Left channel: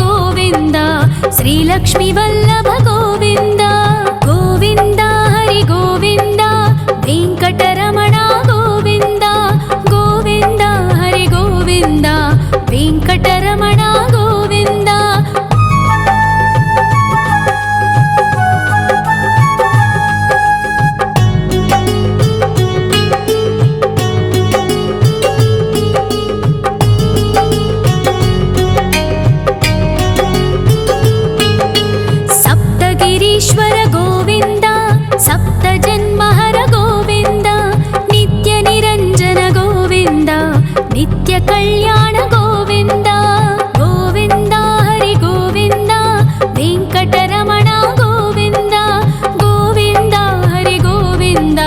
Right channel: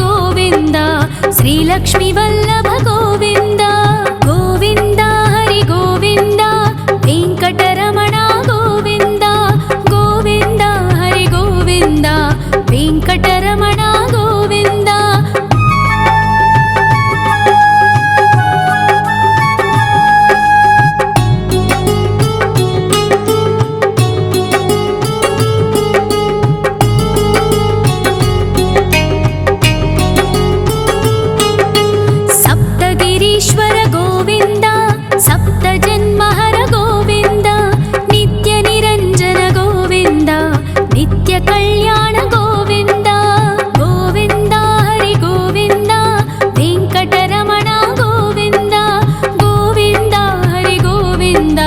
गोविन्द श्रीलक्ष्मी वल्लभ गोविन्द गोविन्द हरि गोविन्द वेङ्कटरमण गोविन्द गोविन्द हरि गोविन्द वेङ्कटरमण गोविन्द सप्तगिरीश्वर गोविन्द सप्तजन्महर गोविन्द नित्यनिरञ्जन गोविन्द नित्यकल्याण गोविन्द गोविन्द हरि गोविन्द वेङ्कटरमण गोविन्द गोविन्द हरि गोविन्द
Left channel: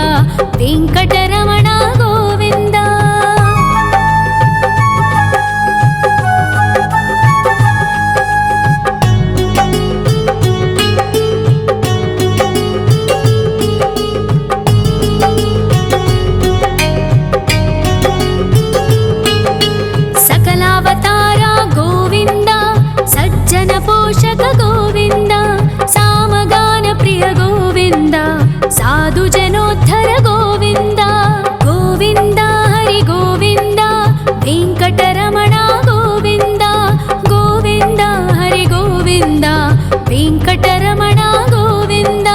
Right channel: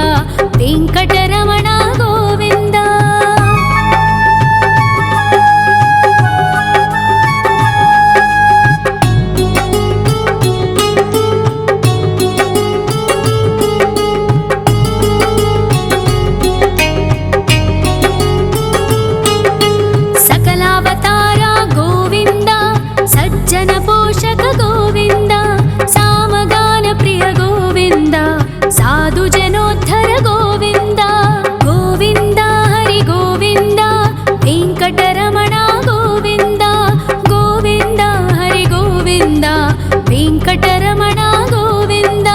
वेङ्कटरमण गोविन्द सकलावतार गोविन्द सज्जन पोषक गोविन्द सामगान प्रिय गोविन्द साधु जनोद्धर गोविन्द गोविन्द हरि गोविन्द वेङ्कटरमण गोविन्द गोविन्द हरि गोविन्द वेङ्कटरमण गोविन्द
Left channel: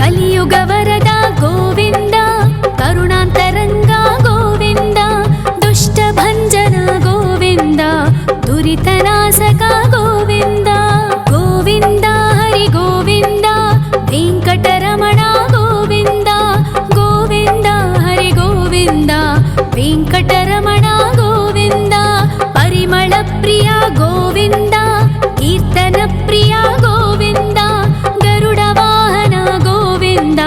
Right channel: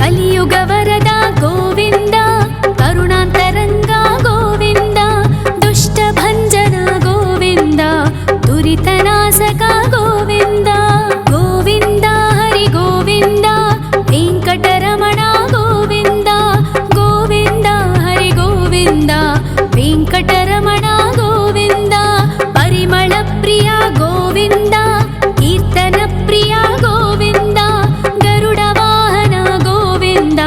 कलियुग वरद गोविन्द करुणान्तरङ्ग गोविन्द दुष्टभञ्जन गोविन्द दुरितनाशक गोविन्द गोविन्द हरि गोविन्द वेङ्कटरमण गोविन्द गोविन्द हरि गोविन्द वेङ्कटरमण गोविन्द परिमळ प्रिय गोविन्द कीर्तन प्रिय गोविन्द गरुड वाहन गोविन्द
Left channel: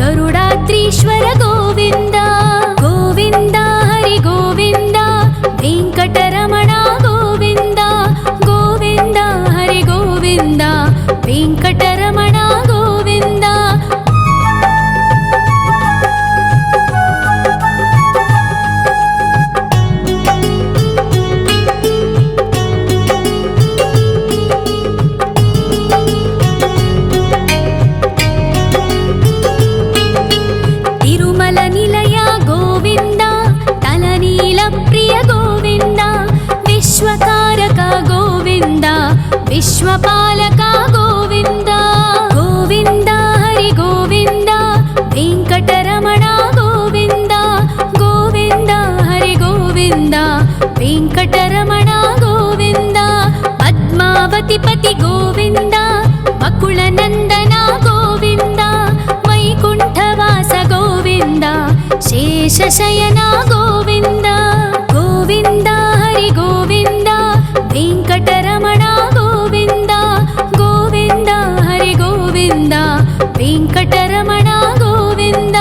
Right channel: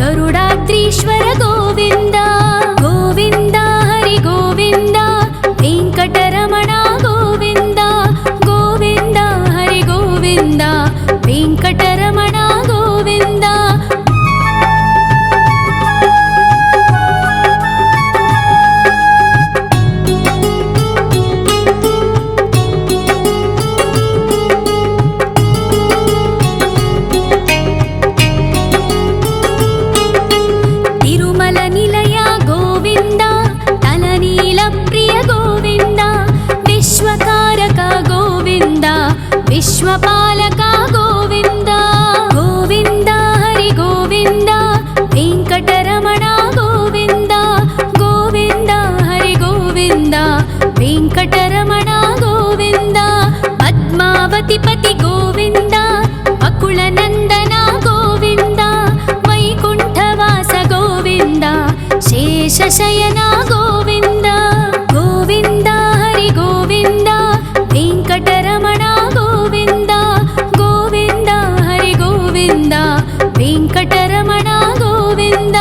गरुडाद्रीश्वर गोविन्द गोविन्द हरि गोविन्द वेङ्कटरमण गोविन्द गोविन्द हरि गोविन्द वेङ्कटरमण गोविन्द तिरुमल निलय गोविन्द तलनील प्रिय गोविन्द विश्वकारक गोविन्द विश्वपालक गोविन्द गोविन्द हरि गोविन्द वेङ्कटरमण गोविन्द गोविन्द हरि गोविन्द वेङ्कटरमण गोविन्द पद्मावतिपति गोविन्द अकुलनन्दन गोविन्द वैकुण्ठवास गोविन्द शेषशयन गोविन्द गोविन्द हरि गोविन्द वेङ्कटरमण गोविन्द गोविन्द हरि गोविन्द वेङ्कटरमण गोविन्द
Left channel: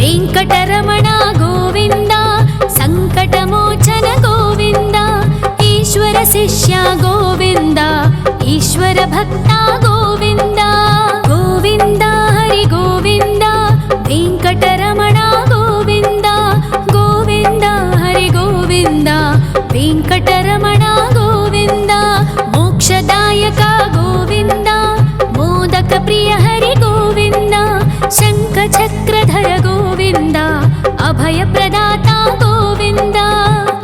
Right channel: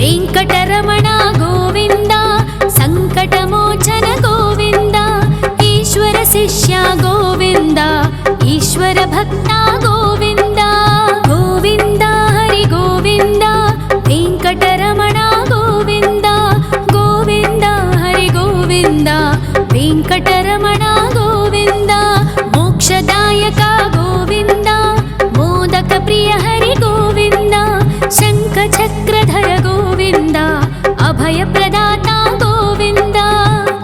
वेङ्कटरमण गोविन्द सङ्कटमोचन गोविन्द ईश्वर शिष्य गोविन्द ईश्वर भक्त गोविन्द गोविन्द हरि गोविन्द वेङ्कटरमण गोविन्द गोविन्द हरि गोविन्द वेङ्कटरमण गोविन्द मोक्षदायक गोविन्द मोदक प्रिय हरि गोविन्द शङ्खचक्रधर गोविन्द अभयप्रदाता गोविन्द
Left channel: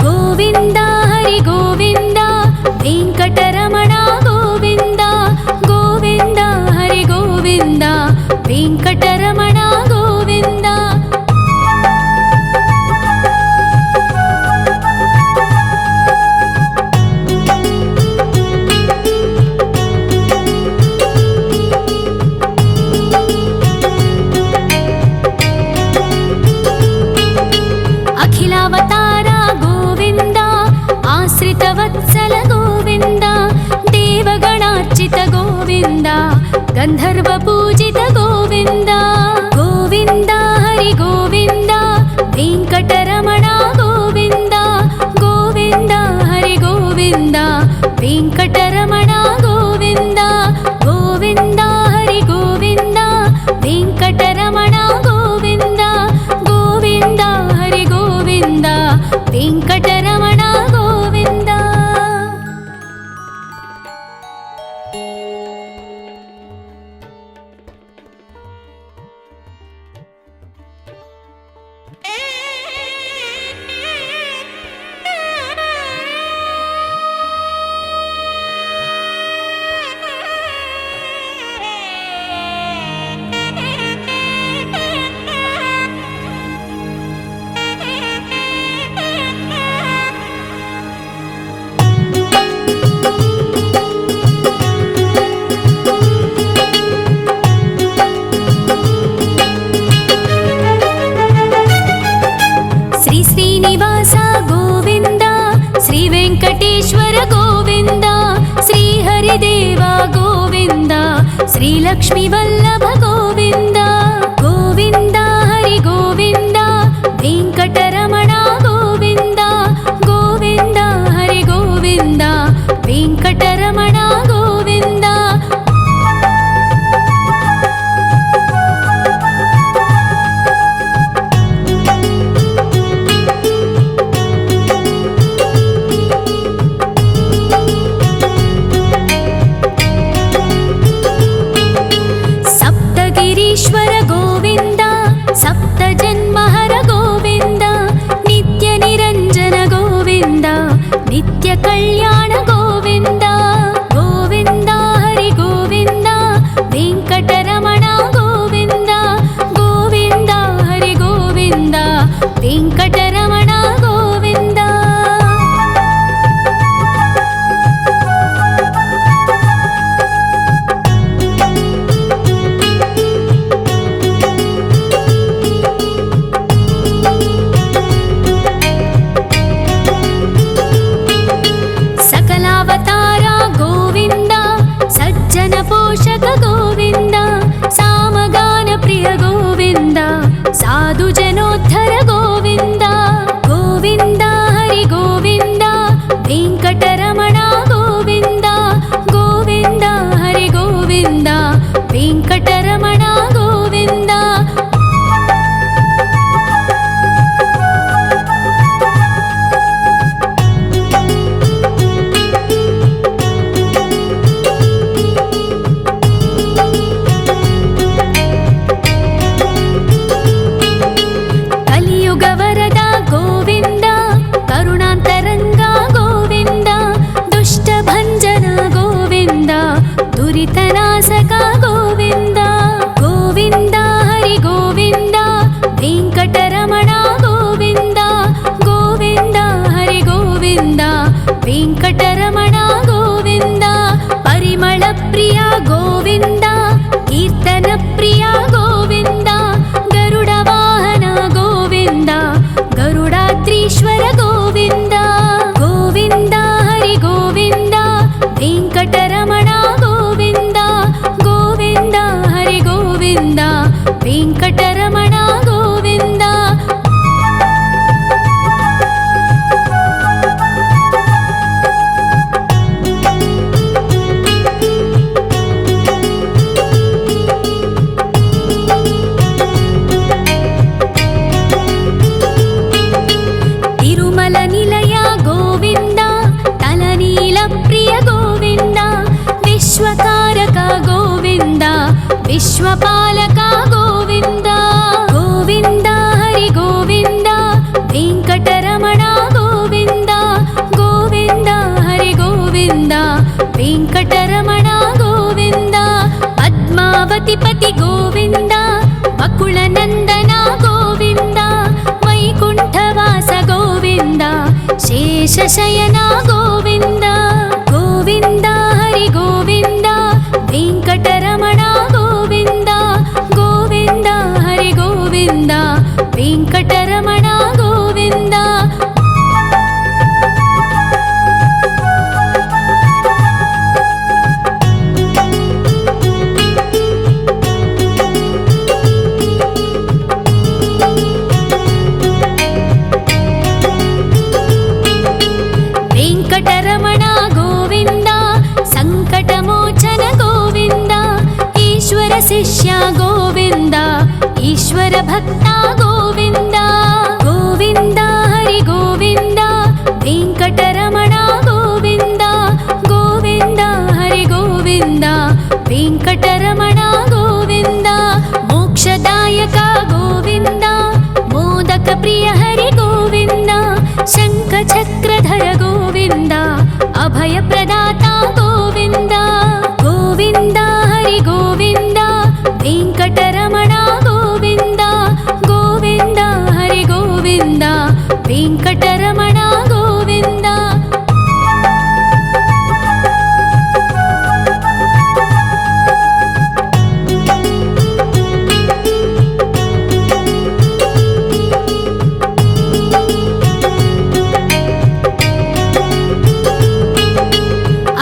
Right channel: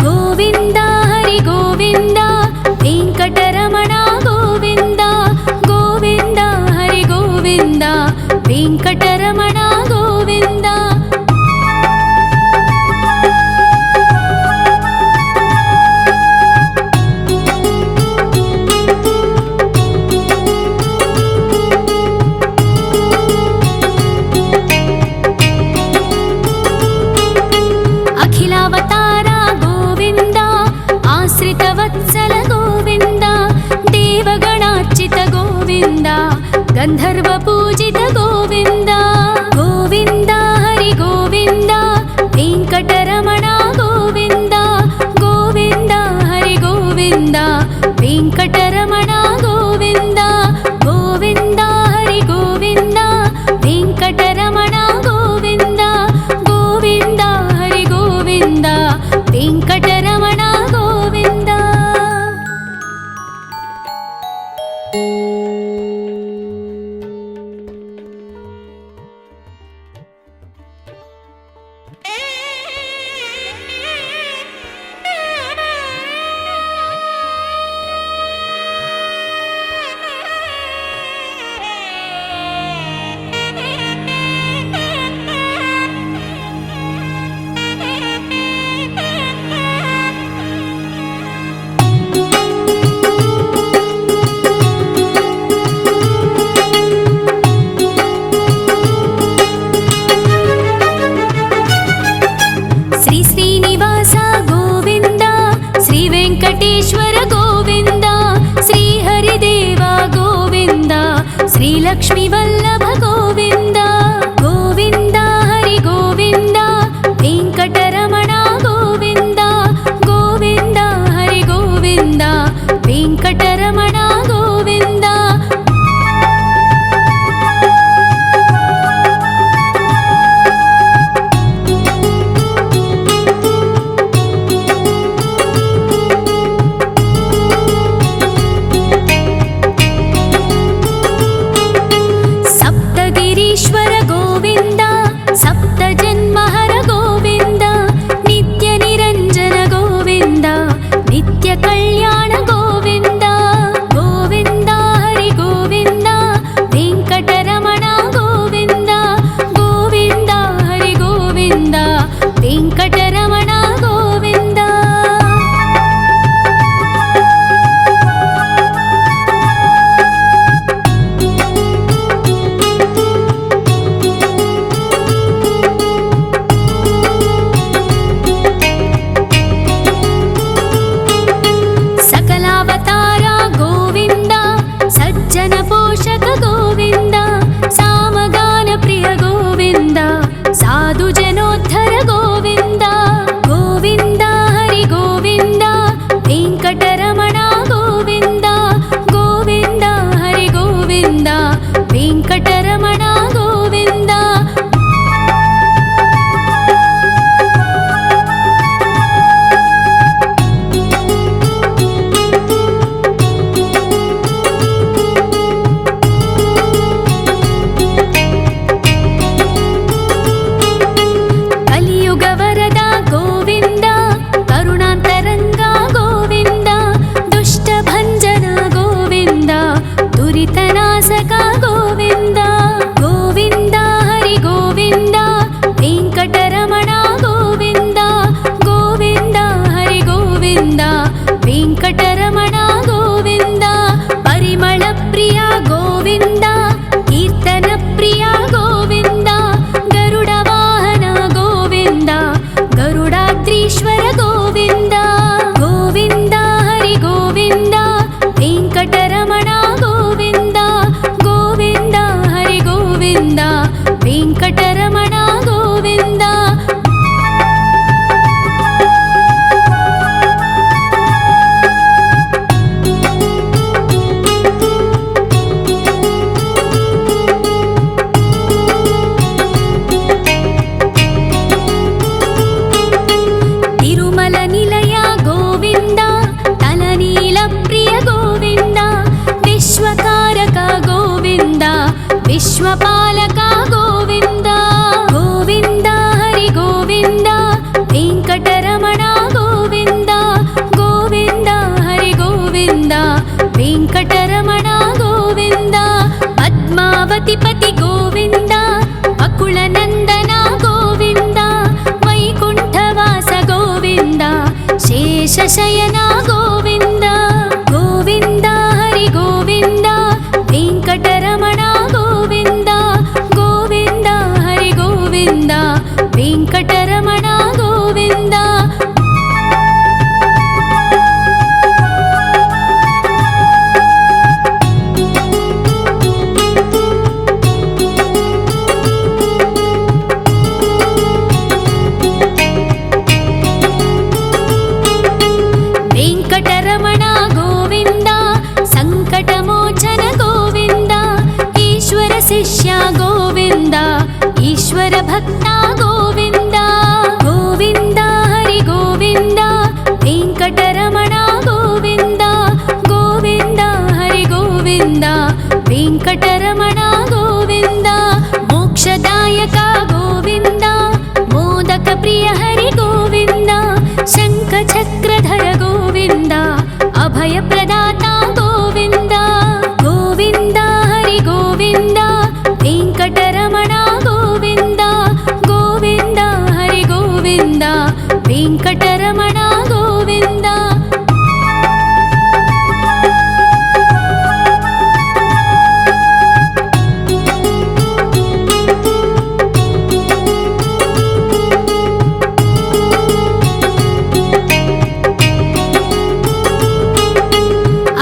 गोविन्द हरि गोविन्द वेङ्कटरमण गोविन्द गोविन्द हरि गोविन्द वेङ्कटरमण गोविन्द अखिलावतार गोविन्द श्रीनिवासगोविन्दा देवगणार्चित गोविन्दा गन्धर्वपूजित गोविन्दा गोविन्दा हरि गोविन्दा वेङ्कटरमणा गोविन्दा गोविन्दा हरि गोविन्दा वेङ्कटरमणा गोविन्दा गोविन्दा हरि गोविन्दा वेङ्कटरमणा गोविन्दा गोविन्दा हरि गोविन्दा वेङ्कटरमणा गोविन्दा। श्री श्रीनिवास गोविन्दा श्री वेङ्कटेश्वर गोविन्दा श्री हरिदेव गोविन्दा श्री लक्ष्मीवल्लभ गोविन्दा गोविन्दा हरि गोविन्दा वेङ्कटरमणा गोविन्दा गोविन्दा हरि गोविन्दा वेङ्कटरमणा गोविन्दा। गिरीश्वर गोविन्दा सप्तजन्महर गोविन्दा नित्यनिरञ्जन गोविन्दा नित्यकल्याण गोविन्दा गोविन्दा हरि गोविन्दा वेङ्कटरमणा गोविन्दा गोविन्दा हरि गोविन्दा वेङ्कटरमणा गोविन्दा। सकलावतारा गोविन्दा सज्जन पोषक गोविन्दा सामगान प्रिय गोविन्दा साधु जनोद्धर गोविन्दा गोविन्दा हरि गोविन्दा वेङ्कटरमणा गोविन्दा गोविन्दा हरि गोविन्दा वेङ्कटरमणा गोविन्दा। कलियुगवरदा गोविन्दा करुणान्तरङ्गा गोविन्दा दुष्टभञ्जना गोविन्दा दुरितनाशका गोविन्दा गोविन्दा हरि गोविन्दा वेङ्कटरमणा गोविन्दा गोविन्दा हरि गोविन्दा वेङ्कटरमणा गोविन्दा। परिमलप्रिया गोविन्दा कीर्तनप्रिया गोविन्दा गरुडवाहन गोविन्दा गरुडाद्रीश्वर गोविन्दा गोविन्दा हरि गोविन्दा वेङ्कटरमणा गोविन्दा गोविन्दा हरि गोविन्दा वेङ्कटरमणा गोविन्दा। तिरुमलनिलया गोविन्दा तलनीलप्रिय गोविन्दा विश्वकारक गोविन्दा विश्वपालका गोविन्दा गोविन्दा हरि गोविन्दा वेङ्कटरमणा गोविन्दा गोविन्दा हरि गोविन्दा वेङ्कटरमणा गोविन्दा। पद्मावतिपति गोविन्दा अकुलनन्दना गोविन्दा वैकुण्ठवास गोविन्दा शेषशयना गोविन्दा गोविन्दा हरि गोविन्दा वेङ्कटरमणा गोविन्दा गोविन्दा हरि गोविन्दा वेङ्कटरमणा गोविन्दा। వెంకటరమణ గోవింద సంకటమోచన గోవింద ఈశ్వర శిష్య గోవింద ఈశ్వర భక్త గోవింద గోవింద హరి గోవింద వెంకటరమణ గోవింద గోవింద హరి గోవింద వెంకటరమణ గోవింద మోక్షదాయక గోవింద మోదక ప్రియ హరి గోవింద శంఖ చక్రధర గోవింద అభయ ప్రదాత గోవింద గోవింద హరి గోవింద వెంకటరమణ గోవింద గోవింద హరి గోవింద వెంకటరమణ గోవింద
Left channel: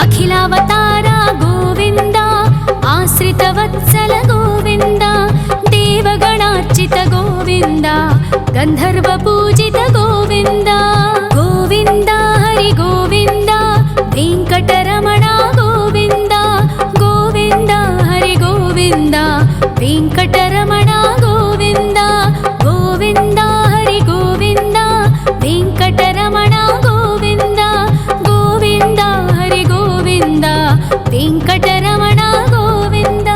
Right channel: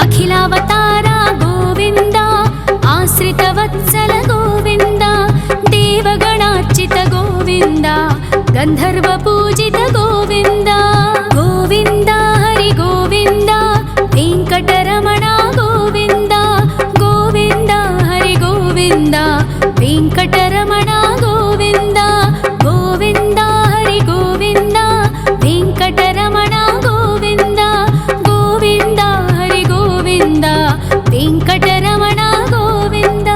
అఖిలావతార గోవింద ఆశ్రితవత్సల గోవింద దేవగణార్చిత గోవింద గంధర్వ పూజిత గోవింద గోవింద హరి గోవింద వెంకటరమణ గోవింద గోవింద హరి గోవింద వెంకటరమణ గోవింద గోవింద హరి గోవింద వెంకటరమణ గోవింద గోవింద హరి గోవింద వెంకటరమణ గోవింద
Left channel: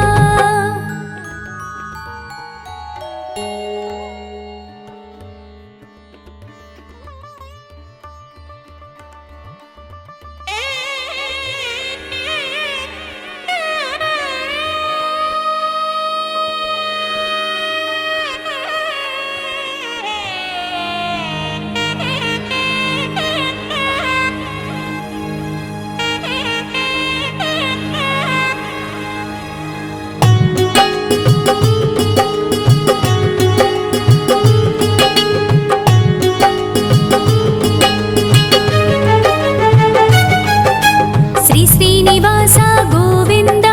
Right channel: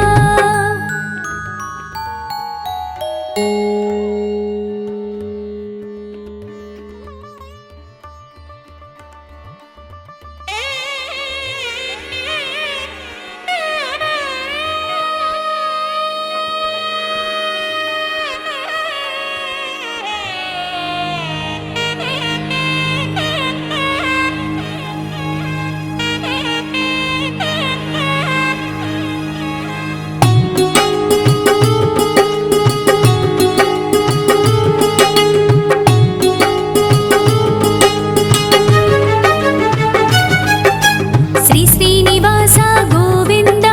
శ్రీ శ్రీనివాస గోవింద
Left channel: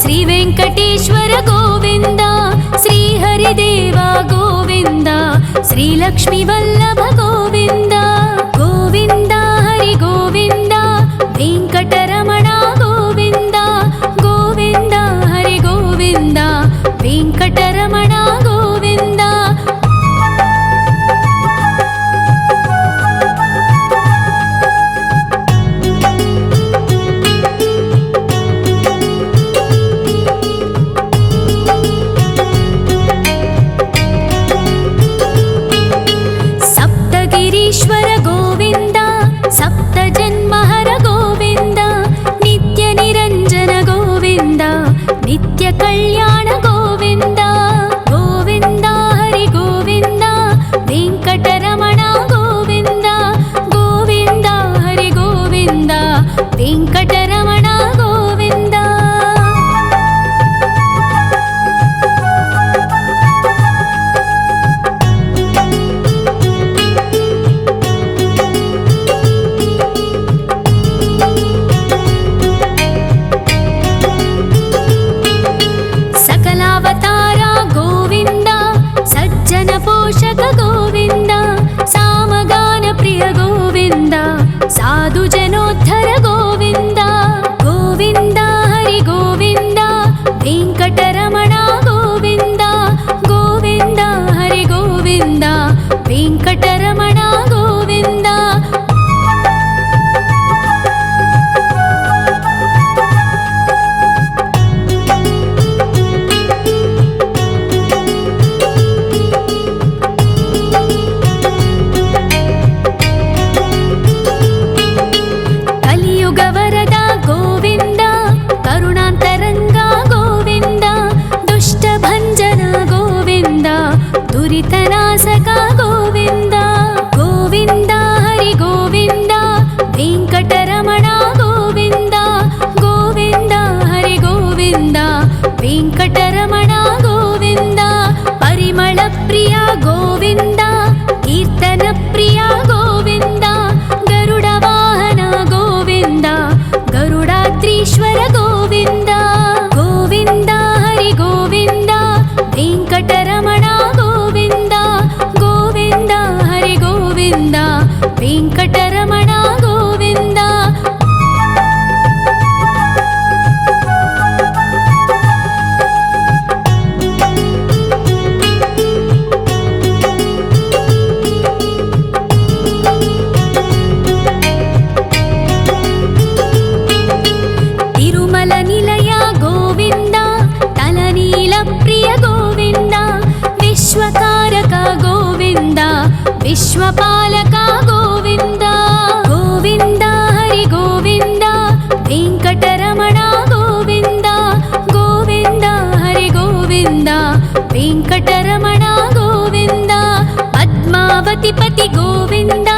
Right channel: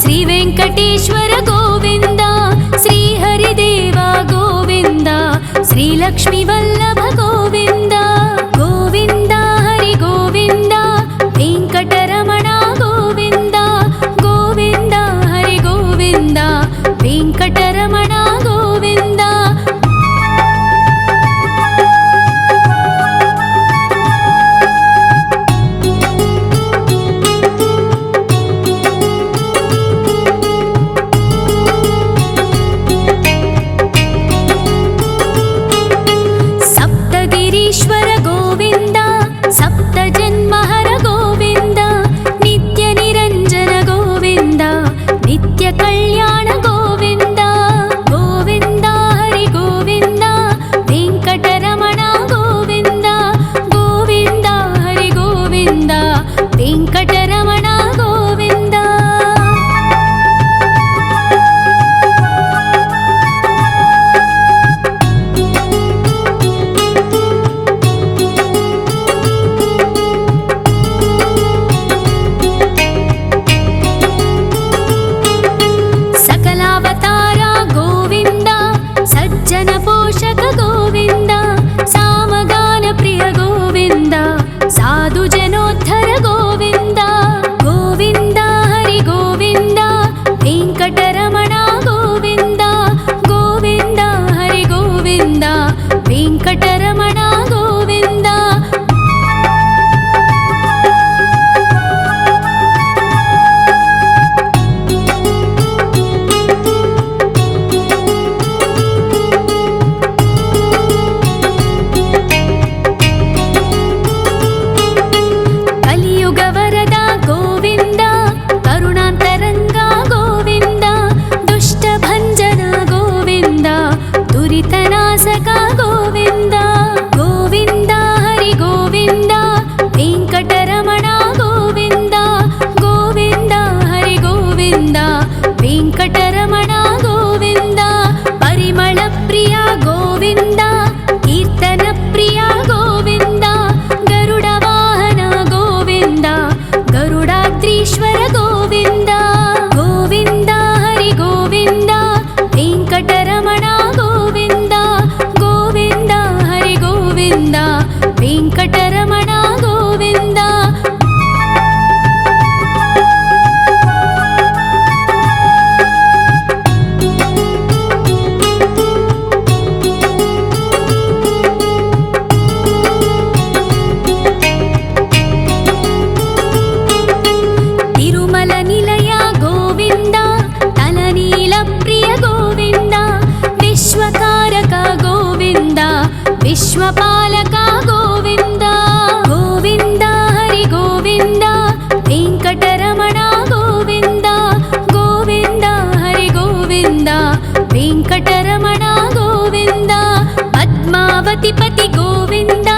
శ్రీ వెంకటేశ్వర గోవింద శ్రీ హరిదేవ గోవింద శ్రీ లక్ష్మీ వల్లభ గోవింద గోవింద హరి గోవింద వెంకటరమణ గోవింద గోవింద హరి గోవింద వెంకటరమణ గోవింద సప్తగిరీశ్వర గోవింద సప్త జన్మహర గోవింద నిత్య నిరంజన గోవింద నిత్య కళ్యాణ గోవింద గోవింద హరి గోవింద వెంకటరమణ గోవింద గోవింద హరి గోవింద వెంకటరమణ గోవింద సకలావతార గోవింద సజ్జన పోషక గోవింద సామగాన ప్రియ గోవింద సాధు జనోద్ధర గోవింద గోవింద హరి గోవింద వెంకటరమణ గోవింద గోవింద హరి గోవింద వెంకటరమణ గోవింద కలియుగ వరద గోవింద కరుణాంతరంగ గోవింద దుష్ట భంజన గోవింద దురితనాశక గోవింద గోవింద హరి గోవింద వెంకటరమణ గోవింద గోవింద హరి గోవింద వెంకటరమణ గోవింద పరిమళ ప్రియ గోవింద కీర్తన ప్రియ గోవింద గరుడ వాహన గోవింద గరుడాద్రీశ్వర గోవింద గోవింద హరి గోవింద వెంకటరమణ గోవింద గోవింద హరి గోవింద వెంకటరమణ గోవింద ಕುಲನಿಲಯ ಗೋವಿಂದ ತಲನೀಲ ಪ್ರಿಯ ಗೋವಿಂದ ವಿಶ್ವಕಾರಕ ಗೋವಿಂದ ವಿಶ್ವಪಾಲಕ ಗೋವಿಂದ ಗೋವಿಂದ ಹರಿ ಗೋವಿಂದ ವೆಂಕಟರಮಣ ಗೋವಿಂದ ಗೋವಿಂದ ಹರಿ ಗೋವಿಂದ ವೆಂಕಟರಮಣ ಗೋವಿಂದ ಪದ್ಮಾವತಿ ಪತಿ ಗೋವಿಂದ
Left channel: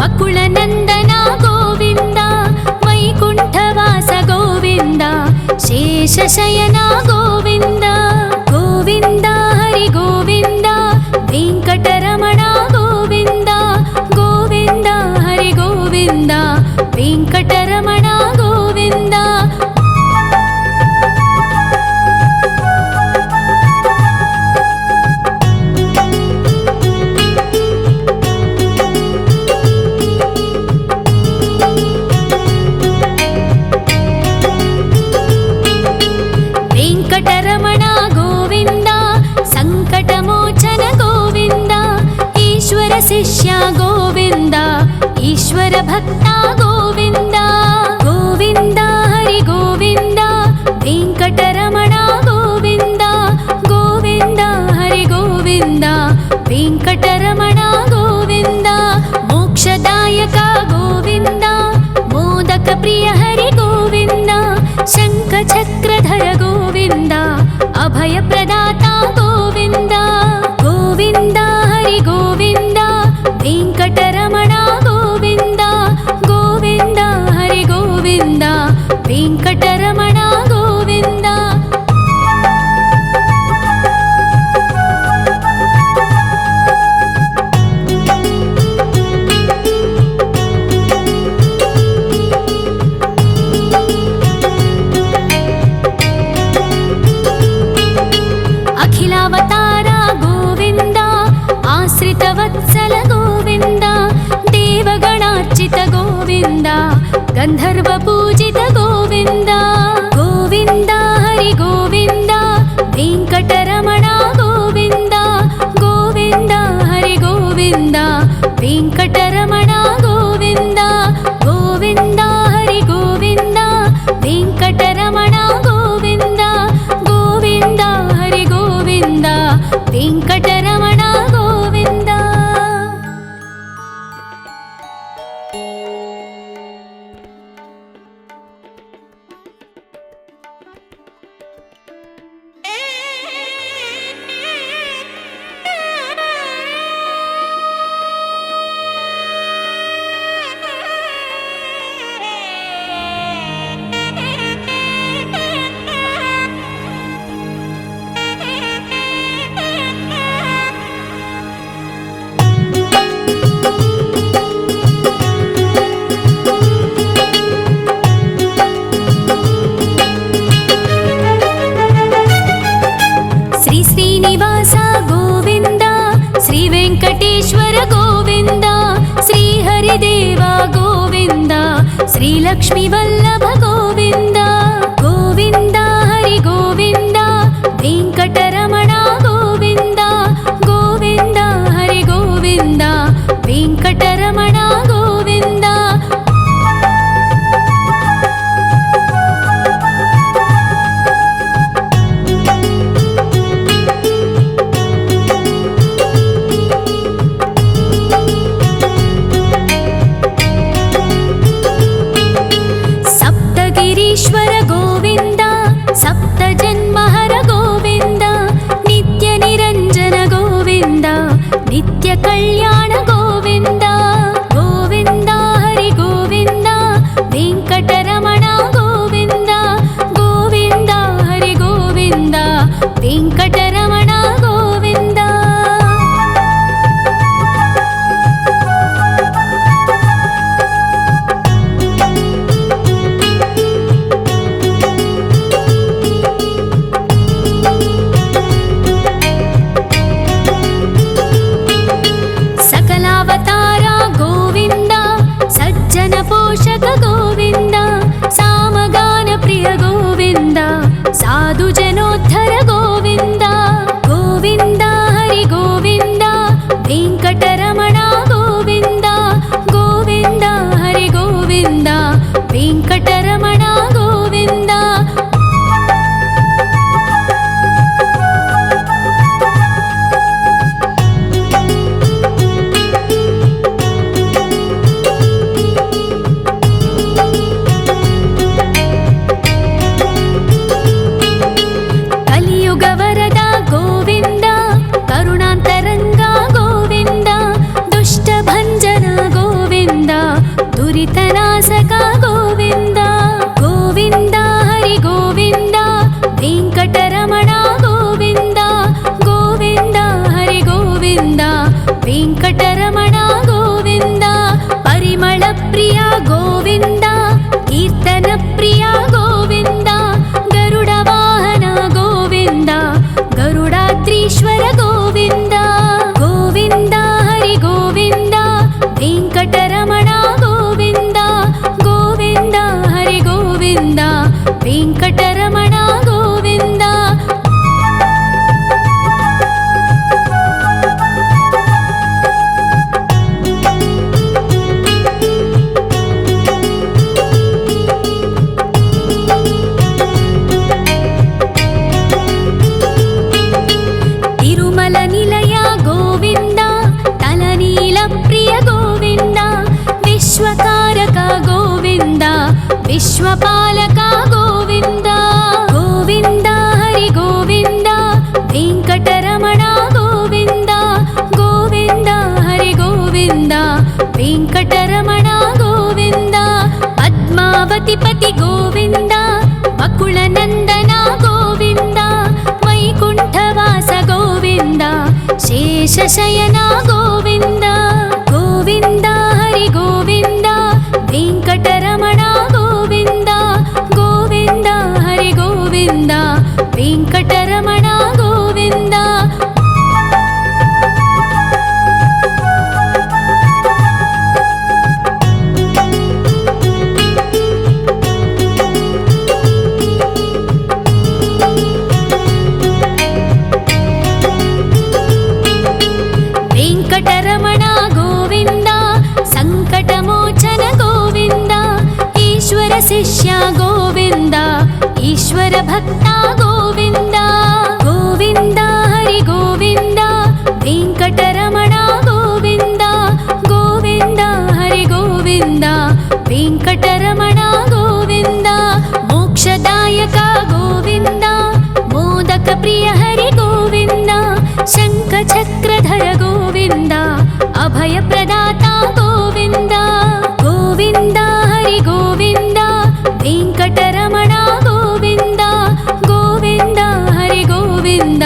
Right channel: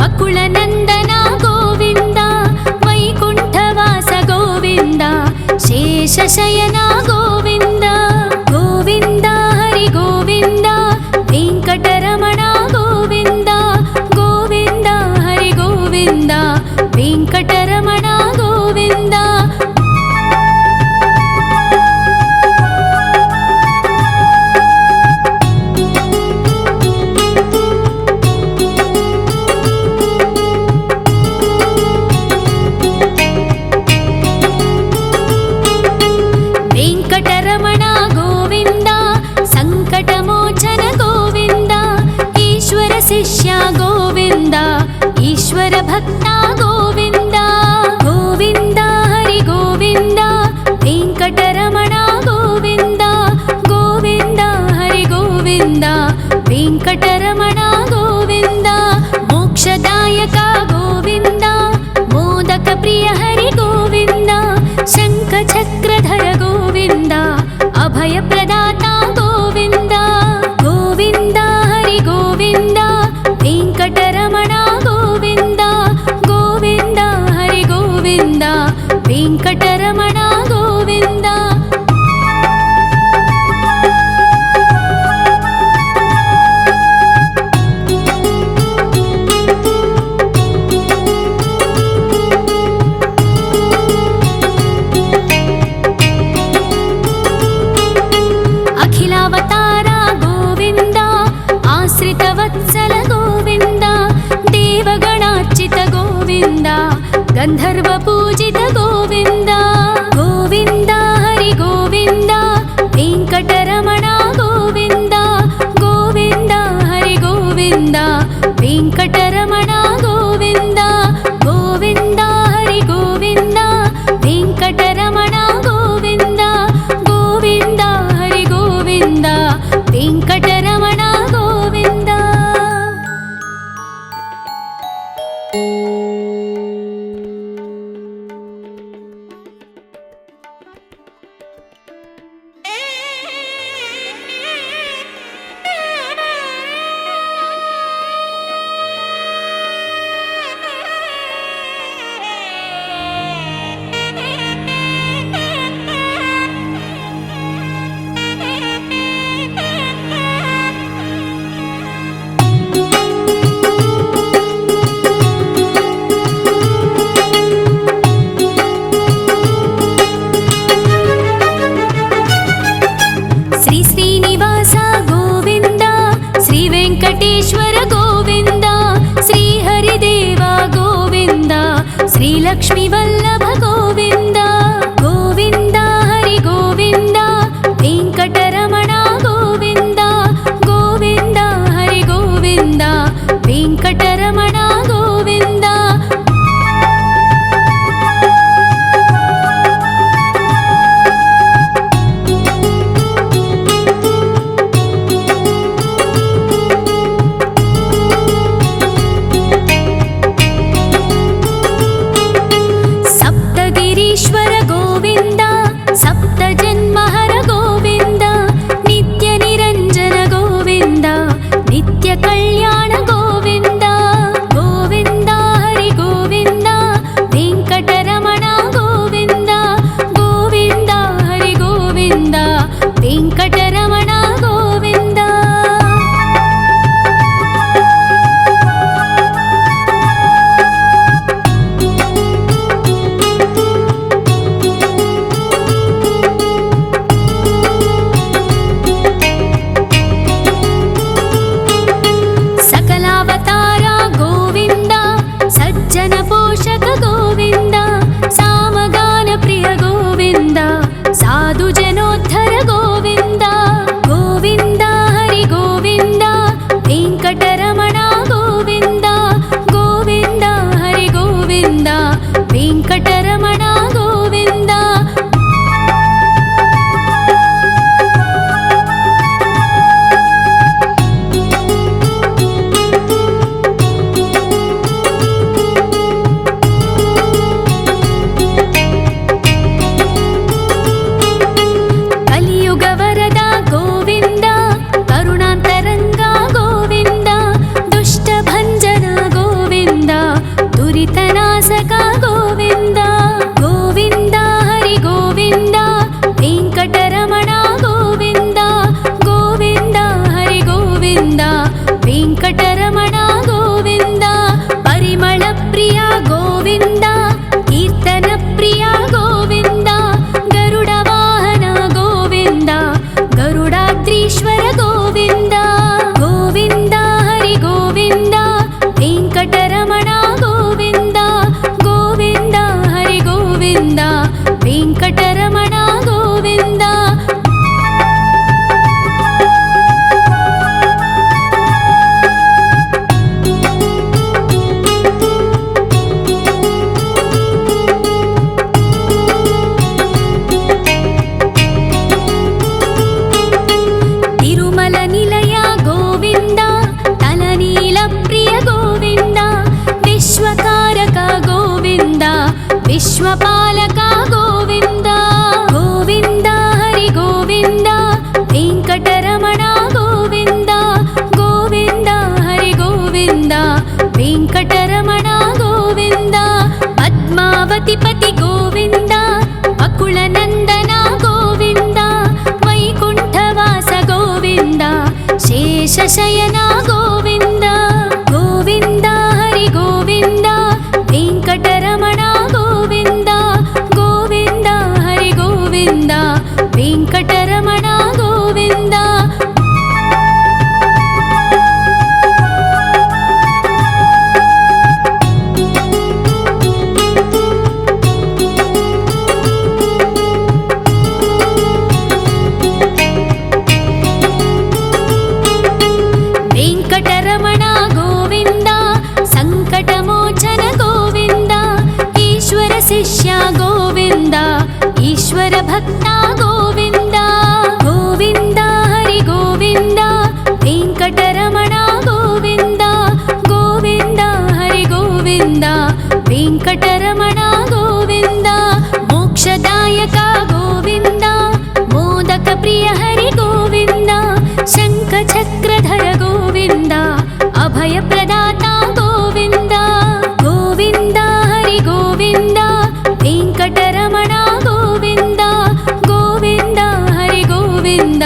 ವಕುಳನಂದನ ಗೋವಿಂದ ವೈಕುಂಠವಾಸ ಗೋವಿಂದ ಶೇಷಶಯನ ಗೋವಿಂದ ಗೋವಿಂದ ಹರಿ ಗೋವಿಂದ ವೆಂಕಟರಮಣ ಗೋವಿಂದ ಗೋವಿಂದ ಹರಿ ಗೋವಿಂದ ವೆಂಕಟರಮಣ ಗೋವಿಂದ ವೆಂಕಟರಮಣ ಗೋವಿಂದ ಸಂಕಟಮೋಚನ ಗೋವಿಂದ ಈಶ್ವರ ಶಿಷ್ಯ ಗೋವಿಂದ ಈಶ್ವರ ಭಕ್ತ ಗೋವಿಂದ ಗೋವಿಂದ ಹರಿ ಗೋವಿಂದ ವೆಂಕಟರಮಣ ಗೋವಿಂದ ಗೋವಿಂದ ಹರಿ ಗೋವಿಂದ ವೆಂಕಟರಮಣ ಗೋವಿಂದ ಮೋಕ್ಷದಾಯಕ ಗೋವಿಂದ ಮೋದಕ ಪ್ರಿಯ ಹರಿ ಗೋವಿಂದ ಶಂಖ ಚಕ್ರಧರ ಗೋವಿಂದ ಅಭಯ ಪ್ರದಾತ ಗೋವಿಂದ ಗೋವಿಂದ ಹರಿ ಗೋವಿಂದ ವೆಂಕಟರಮಣ ಗೋವಿಂದ ಗೋವಿಂದ ಹರಿ ಗೋವಿಂದ ವೆಂಕಟರಮಣ ಗೋವಿಂದ ಅಖಿಲಾವತಾರ ಗೋವಿಂದ ಆಶ್ರಿತವತ್ಸಲ ಗೋವಿಂದ ದೇವಗಣಾರ್ಚಿತ ಗೋವಿಂದ ಗಂಧರ್ವ ಪೂಜಿತ ಗೋವಿಂದ ಗೋವಿಂದ ಹರಿ ಗೋವಿಂದ ವೆಂಕಟರಮಣ ಗೋವಿಂದ ಗೋವಿಂದ ಹರಿ ಗೋವಿಂದ ವೆಂಕಟರಮಣ ಗೋವಿಂದ ಗೋವಿಂದ ಹರಿ ಗೋವಿಂದ ವೆಂಕಟರಮಣ ಗೋವಿಂದ ಗೋವಿಂದ ಹರಿ ಗೋವಿಂದ ವೆಂಕಟರಮಣ ಗೋವಿಂದ ಶ್ರೀ ಶ್ರೀನಿವಾಸ ಗೋವಿಂದ ಶ್ರೀ ವೆಂಕಟೇಶ್ವರ ಗೋವಿಂದ ಶ್ರೀ ಹರಿದೇವ ಗೋವಿಂದ ಶ್ರೀ ಲಕ್ಷ್ಮೀ ವಲ್ಲಭ ಗೋವಿಂದ ಗೋವಿಂದ ಹರಿ ಗೋವಿಂದ ವೆಂಕಟರಮಣ ಗೋವಿಂದ ಗೋವಿಂದ ಹರಿ ಗೋವಿಂದ ವೆಂಕಟರಮಣ ಗೋವಿಂದ ಸಪ್ತಗಿರೀಶ್ವರ ಗೋವಿಂದ ಸಪ್ತ ಜನ್ಮಹರ ಗೋವಿಂದ ನಿತ್ಯ ನಿರಂಜನ ಗೋವಿಂದ ನಿತ್ಯ ಕಲ್ಯಾಣ ಗೋವಿಂದ ಗೋವಿಂದ ಹರಿ ಗೋವಿಂದ ವೆಂಕಟರಮಣ ಗೋವಿಂದ ಗೋವಿಂದ ಹರಿ ಗೋವಿಂದ ವೆಂಕಟರಮಣ ಗೋವಿಂದ ಸಕಲಾವತಾರ ಗೋವಿಂದ ಸಜ್ಜನ ಪೋಷಕ ಗೋವಿಂದ ಸಾಮಗಾನ ಪ್ರಿಯ ಗೋವಿಂದ ಸಾಧು ಜನೋದ್ಧರ ಗೋವಿಂದ ಗೋವಿಂದ ಹರಿ ಗೋವಿಂದ ವೆಂಕಟರಮಣ ಗೋವಿಂದ ಗೋವಿಂದ ಹರಿ ಗೋವಿಂದ వెంకటరమణ గోవింద. కలియుగ వరద గోవింద, కరుణాంతరంగ గోవింద, దుష్ట భంజన గోవింద, దురితనాశక గోవింద. గోవింద హరి గోవింద, వెంకటరమణ గోవింద. గోవింద హరి గోవింద, వెంకటరమణ గోవింద. పరిమళ ప్రియ గోవింద, కీర్తన ప్రియ గోవింద. గరుడ వాహన గోవింద, గరుడాద్రీశ్వర గోవింద. గోవింద హరి గోవింద, వెంకటరమణ గోవింద. గోవింద హరి గోవింద, వెంకటరమణ గోవింద. తిరుమల నిలయ గోవింద, తలనీల ప్రియ గోవింద. విశ్వకారక గోవింద, విశ్వపాలక గోవింద. గోవింద హరి గోవింద, వెంకటరమణ గోవింద. గోవింద హరి గోవింద, వెంకటరమణ గోవింద. పద్మావతి పతి గోవింద, అకుల నందన గోవింద. వైకుంఠవాస గోవింద, శేషశయన గోవింద. గోవింద హరి గోవింద, వెంకటరమణ గోవింద. గోవింద హరి గోవింద, వెంకటరమణ గోవింద. వెంకటరమణ గోవింద, సంకటమోచన గోవింద. ఈశ్వర శిష్య గోవింద, ఈశ్వర భక్త గోవింద. గోవింద హరి గోవింద, వెంకటరమణ గోవింద. గోవింద హరి గోవింద, వెంకటరమణ గోవింద. మోక్షదాయక గోవింద, మోదక ప్రియ హరి గోవింద. శంఖ చక్రధర గోవింద, అభయ ప్రదాత గోవింద. గోవింద హరి గోవింద, వెంకటరమణ గోవింద. గోవింద హరి గోవింద,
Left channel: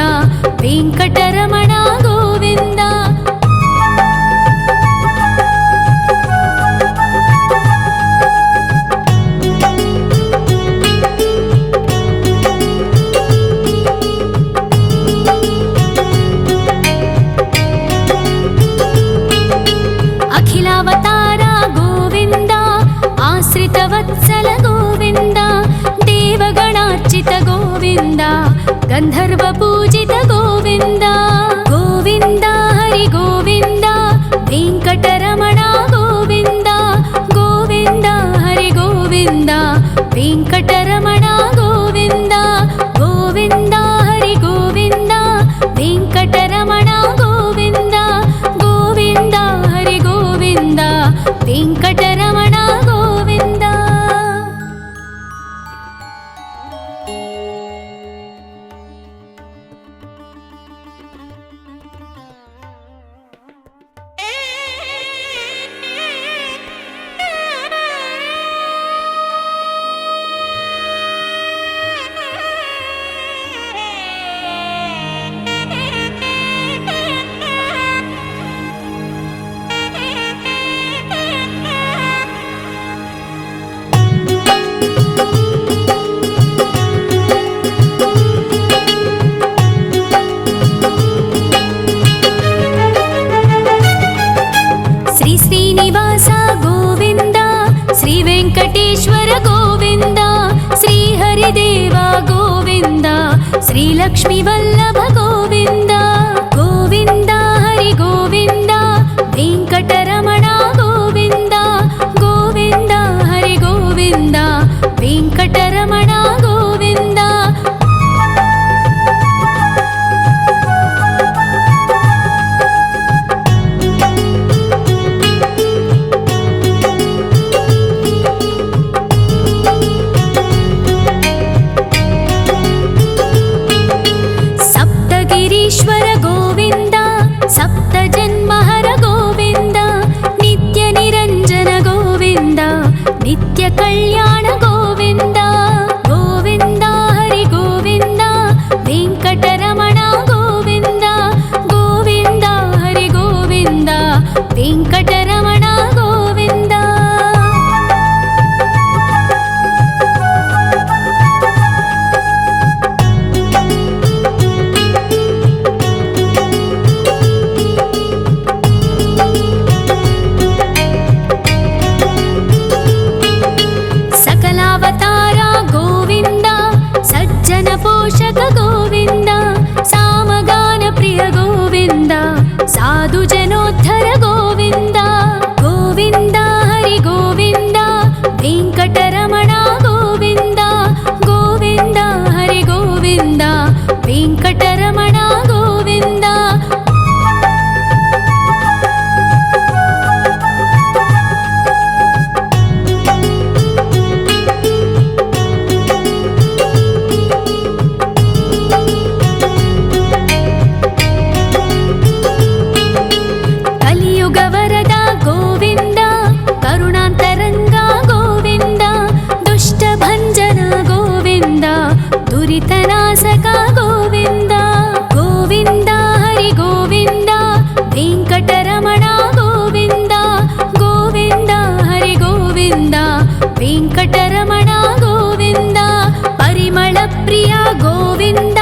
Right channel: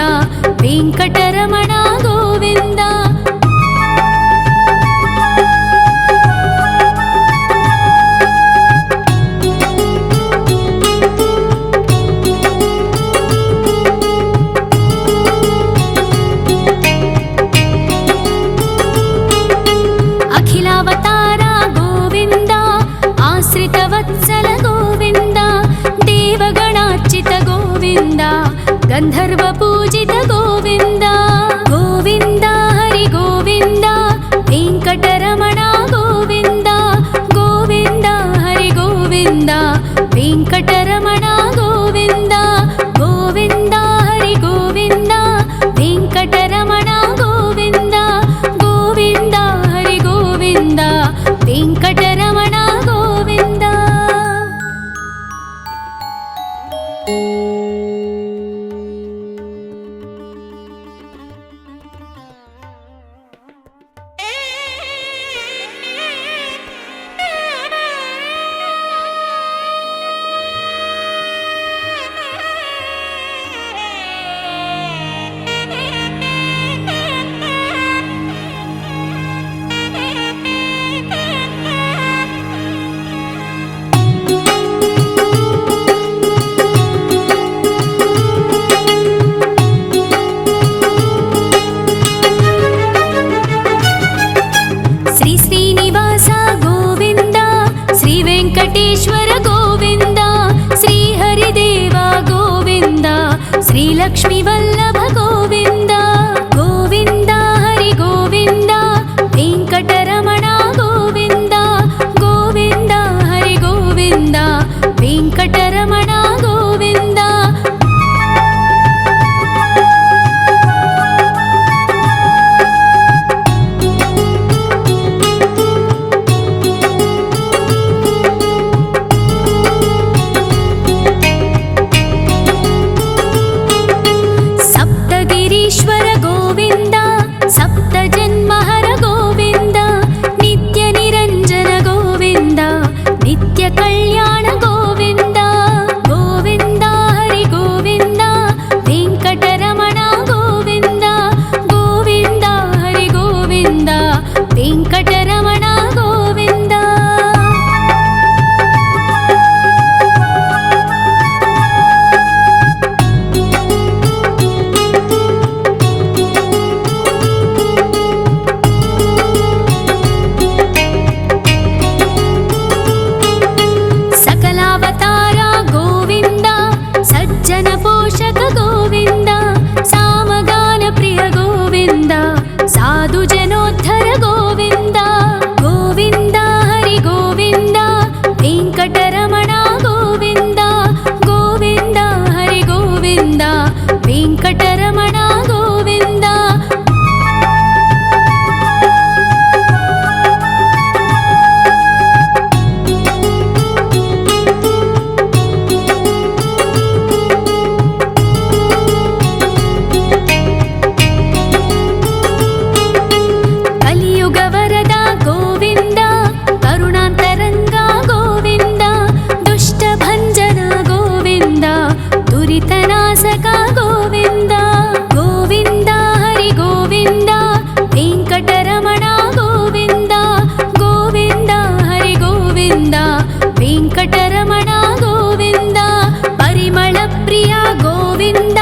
వెంకటరమణ గోవింద. అఖిలావతార గోవింద, ఆశ్రిత వత్సల గోవింద. దేవగణార్చిత గోవింద, గంధర్వ పూజిత గోవింద. గోవింద హరి గోవింద, వెంకటరమణ గోవింద. గోవింద హరి గోవింద, వెంకటరమణ గోవింద. గోవింద హరి గోవింద, వెంకటరమణ గోవింద. గోవింద హరి గోవింద, వెంకటరమణ గోవింద. శ్రీనివాస గోవింద, శ్రీ వెంకటేశ్వర గోవింద, శ్రీ హరిదేవ గోవింద, శ్రీ లక్ష్మీ వల్లభ గోవింద. గోవింద హరి గోవింద, వెంకటరమణ గోవింద. గోవింద హరి గోవింద, ವೆಂಕಟರಮಣ ಗೋವಿಂದ. ಸಪ್ತಗಿರೀಶ್ವರ ಗೋವಿಂದ, ಸಪ್ತ ಜನ್ಮಹರ ಗೋವಿಂದ, ನಿತ್ಯ ನಿರಂಜನ ಗೋವಿಂದ, ನಿತ್ಯ ಕಲ್ಯಾಣ ಗೋವಿಂದ. ಗೋವಿಂದ ಹರಿ ಗೋವಿಂದ, ವೆಂಕಟರಮಣ ಗೋವಿಂದ. ಗೋವಿಂದ ಹರಿ ಗೋವಿಂದ, ವೆಂಕಟರಮಣ ಗೋವಿಂದ. ಅವತಾರ ಗೋವಿಂದ, ಸಜ್ಜನ ಪೋಷಕ ಗೋವಿಂದ, ಸಾಮಗಾನ ಪ್ರಿಯ ಗೋವಿಂದ, ಸಾಧು ಜನೋದ್ಧರ ಗೋವಿಂದ. ಗೋವಿಂದ ಹರಿ ಗೋವಿಂದ, ವೆಂಕಟರಮಣ ಗೋವಿಂದ. ಗೋವಿಂದ ಹರಿ ಗೋವಿಂದ, ವೆಂಕಟರಮಣ ಗೋವಿಂದ. ಕಲಿಯುಗ ವರದ ಗೋವಿಂದ, ಕರುಣಾಂತರಂಗ ಗೋವಿಂದ, ದುಷ್ಟ ಭಂಜನ ಗೋವಿಂದ, ದುರಿತನಾಶಕ ಗೋವಿಂದ. ಗೋವಿಂದ ಹರಿ ಗೋವಿಂದ, ವೆಂಕಟರಮಣ ಗೋವಿಂದ. ಗೋವಿಂದ ಹರಿ ಗೋವಿಂದ, ವೆಂಕಟರಮಣ ಗೋವಿಂದ. ಪರಿಮಳ ಪ್ರಿಯ ಗೋವಿಂದ,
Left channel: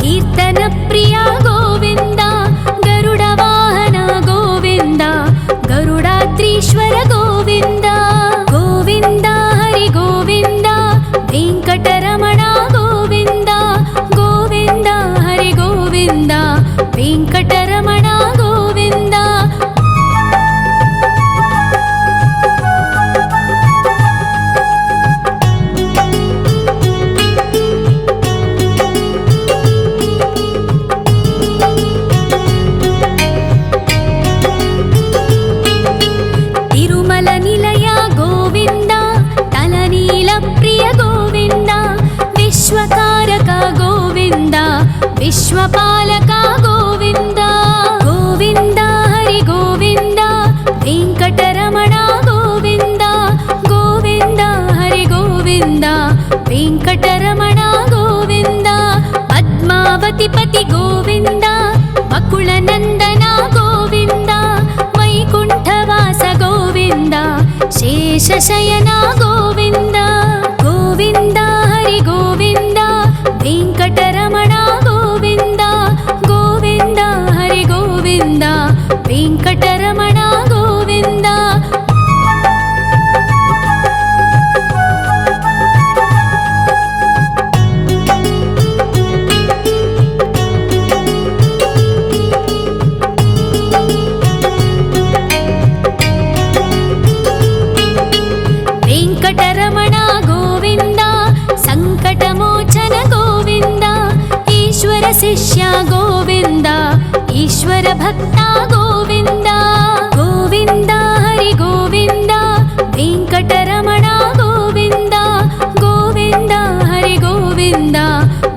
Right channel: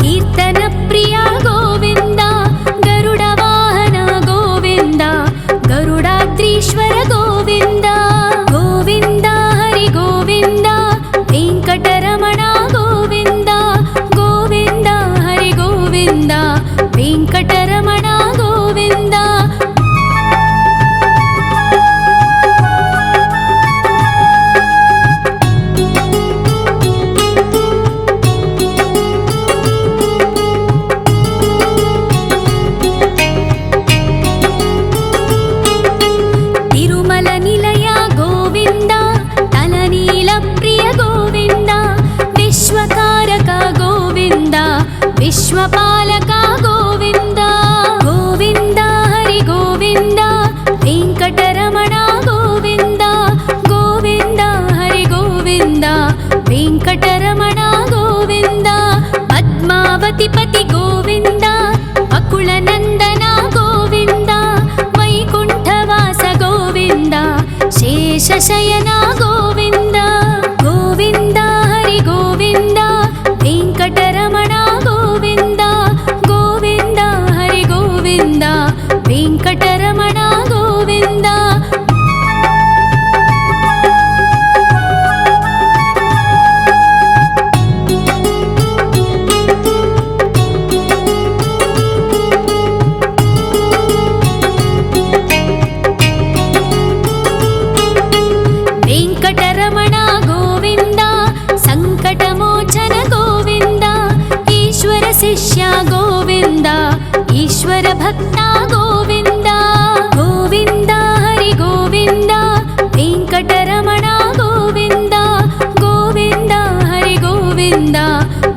ಕೀರ್ತನ ಪ್ರಿಯ ಗೋವಿಂದ, ಗರುಡ ವಾಹನ ಗೋವಿಂದ, ಗರುಡಾದ್ರೀಶ್ವರ ಗೋವಿಂದ. ಗೋವಿಂದ ಹರಿ ಗೋವಿಂದ, ವೆಂಕಟರಮಣ ಗೋವಿಂದ. ಗೋವಿಂದ ಹರಿ ಗೋವಿಂದ, ವೆಂಕಟರಮಣ ಗೋವಿಂದ. ತಿರುಮಲ ನಿಲಯ ಗೋವಿಂದ, ತಲನೀಲ ಪ್ರಿಯ ಗೋವಿಂದ, ವಿಶ್ವಕಾರಕ ಗೋವಿಂದ, ವಿಶ್ವಪಾಲಕ ಗೋವಿಂದ. ಗೋವಿಂದ ಹರಿ ಗೋವಿಂದ, ವೆಂಕಟರಮಣ ಗೋವಿಂದ. ಗೋವಿಂದ ಹರಿ ಗೋವಿಂದ, ವೆಂಕಟರಮಣ ಗೋವಿಂದ. ಪದ್ಮಾವತಿ ಪತಿ ಗೋವಿಂದ, ಅಕುಳ ನಂದನ ಗೋವಿಂದ, ವೈಕುಂಠವಾಸ ಗೋವಿಂದ, ಶೇಷಶಯನ ಗೋವಿಂದ. ಗೋವಿಂದ ಹರಿ ಗೋವಿಂದ, ವೆಂಕಟರಮಣ ಗೋವಿಂದ. ಗೋವಿಂದ ಹರಿ ಗೋವಿಂದ, ವೆಂಕಟರಮಣ ಗೋವಿಂದ. ವೆಂಕಟರಮಣ ಗೋವಿಂದ, ಸಂಕಟಮೋಚನ ಗೋವಿಂದ, ಈಶ್ವರ ಶಿಷ್ಯ ಗೋವಿಂದ, ಈಶ್ವರ ಭಕ್ತ ಗೋವಿಂದ. ಗೋವಿಂದ ಹರಿ ಗೋವಿಂದ, ವೆಂಕಟರಮಣ ಗೋವಿಂದ. ಗೋವಿಂದ ಹರಿ ಗೋವಿಂದ,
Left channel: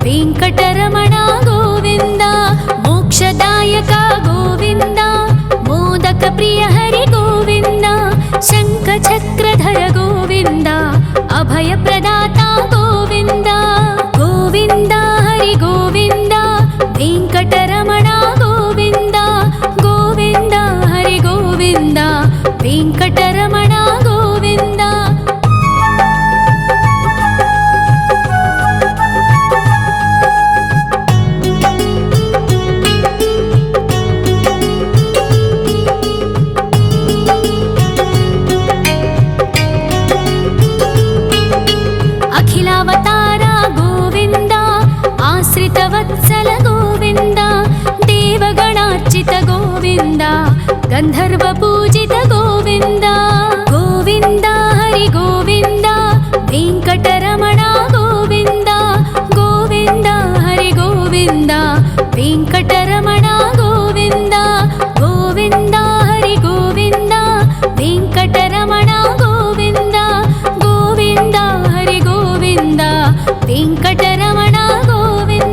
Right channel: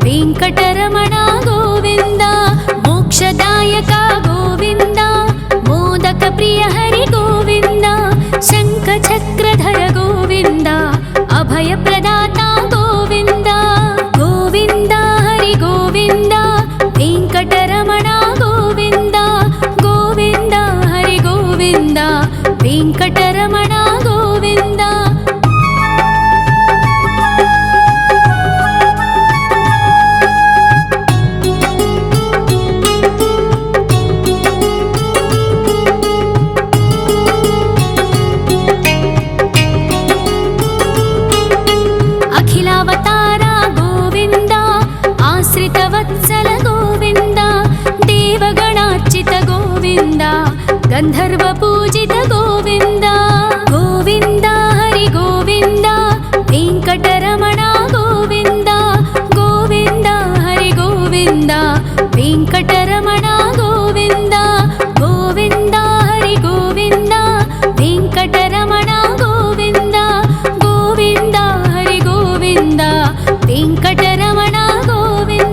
ವೆಂಕಟರಮಣ ಗೋವಿಂದ. ಮೋಕ್ಷದಾಯಕ ಗೋವಿಂದ, ಮೋದಕ ಪ್ರಿಯ ಹರಿ ಗೋವಿಂದ, ಶಂಖ ಚಕ್ರಧರ ಗೋವಿಂದ, ಅಭಯ ಪ್ರದಾತ ಗೋವಿಂದ. ಗೋವಿಂದ ಹರಿ ಗೋವಿಂದ, ವೆಂಕಟರಮಣ ಗೋವಿಂದ. ಗೋವಿಂದ ಹರಿ ಗೋವಿಂದ, ವೆಂಕಟರಮಣ ಗೋವಿಂದ. ಅಖಿಲಾವತಾರ ಗೋವಿಂದ, ಆಶ್ರಿತ ವತ್ಸಲ ಗೋವಿಂದ, ದೇವಗಣಾರ್ಚಿತ ಗೋವಿಂದ, ಗಂಧರ್ವ ಪೂಜಿತ ಗೋವಿಂದ. ಗೋವಿಂದ ಹರಿ ಗೋವಿಂದ, ವೆಂಕಟ ವೆಂಕಟರಮಣ ಗೋವಿಂದ ಗೋವಿಂದ ಹರಿ ಗೋವಿಂದ ವೆಂಕಟರಮಣ ಗೋವಿಂದ ಗೋವಿಂದ ಹರಿ ಗೋವಿಂದ ವೆಂಕಟರಮಣ ಗೋವಿಂದ ಗೋವಿಂದ ಹರಿ ಗೋವಿಂದ ವೆಂಕಟರಮಣ ಗೋವಿಂದ.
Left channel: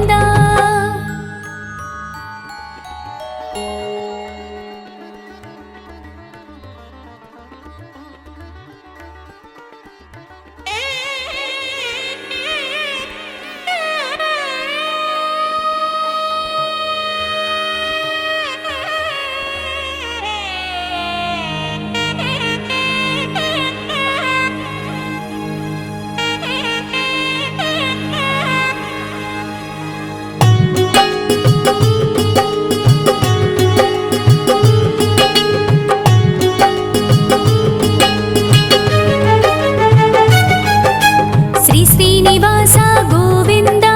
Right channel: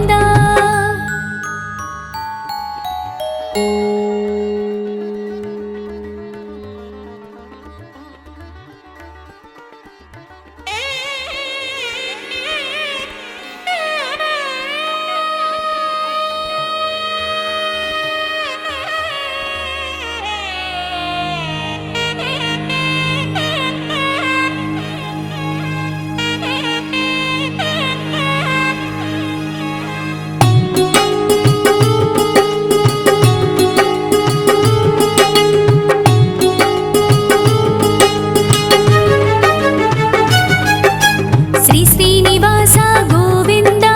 ಶ್ರೀ ಶ್ರೀನಿವಾಸ ಗೋವಿಂದ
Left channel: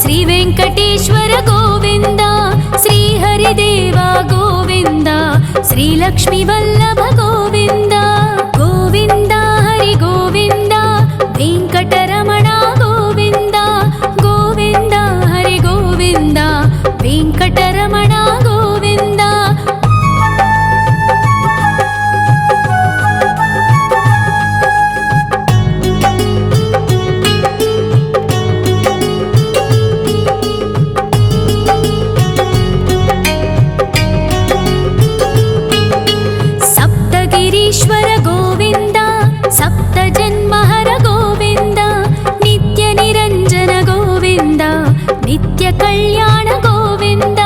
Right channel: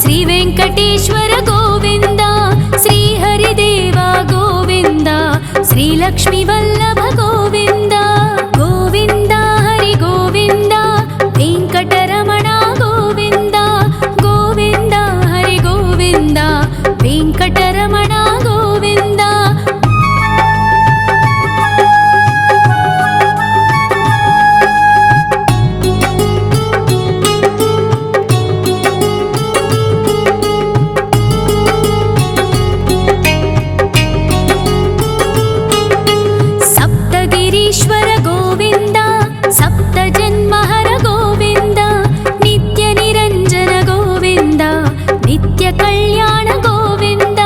ಶ್ರೀ ವೆಂಕಟೇಶ್ವರ ಗೋವಿಂದ ಶ್ರೀ ಹರಿದೇವ ಗೋವಿಂದ ಶ್ರೀ ಲಕ್ಷ್ಮೀ ವಲ್ಲಭ ಗೋವಿಂದ ಗೋವಿಂದ ಹರಿ ಗೋವಿಂದ ವೆಂಕಟರಮಣ ಗೋವಿಂದ ಗೋವಿಂದ ಹರಿ ಗೋವಿಂದ ವೆಂಕಟರಮಣ ಗೋವಿಂದ. ಸಪ್ತಗಿರೀಶ್ವರ ಗೋವಿಂದ ಸಪ್ತ ಜನ್ಮಹರ ಗೋವಿಂದ ನಿತ್ಯ ನಿರಂಜನ ಗೋವಿಂದ ನಿತ್ಯ ಕಲ್ಯಾಣ ಗೋವಿಂದ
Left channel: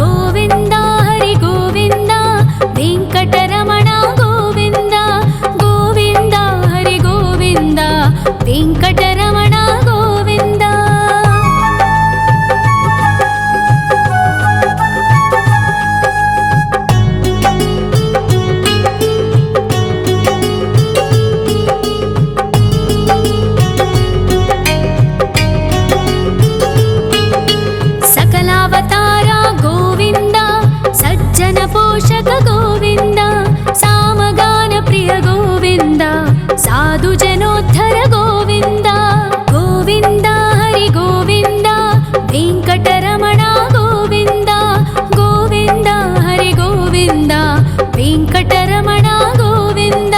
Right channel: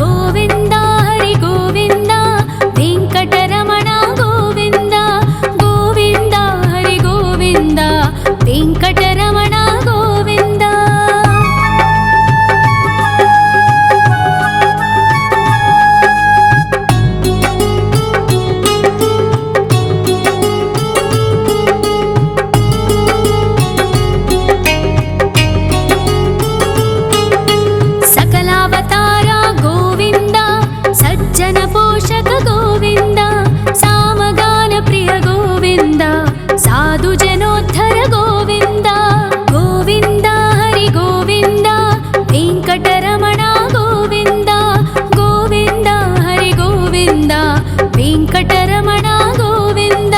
ಗೋವಿಂದ ಹರಿ ಗೋವಿಂದ ವೆಂಕಟರಮಣ ಗೋವಿಂದ ಗೋವಿಂದ ಹರಿ ಗೋವಿಂದ ವೆಂಕಟರಮಣ ಗೋವಿಂದ. ಅವತಾರ ಗೋವಿಂದ ಸಜ್ಜನ ಪೋಷಕ ಗೋವಿಂದ ಸಾಮಗಾನ ಪ್ರಿಯ ಗೋವಿಂದ ಸಾಧು ಜನೋದ್ಧರ ಗೋವಿಂದ ಗೋವಿಂದ ಹರಿ ಗೋವಿಂದ ವೆಂಕಟರಮಣ ಗೋವಿಂದ ಗೋವಿಂದ ಹರಿ ಗೋವಿಂದ ವೆಂಕಟರಮಣ ಗೋವಿಂದ.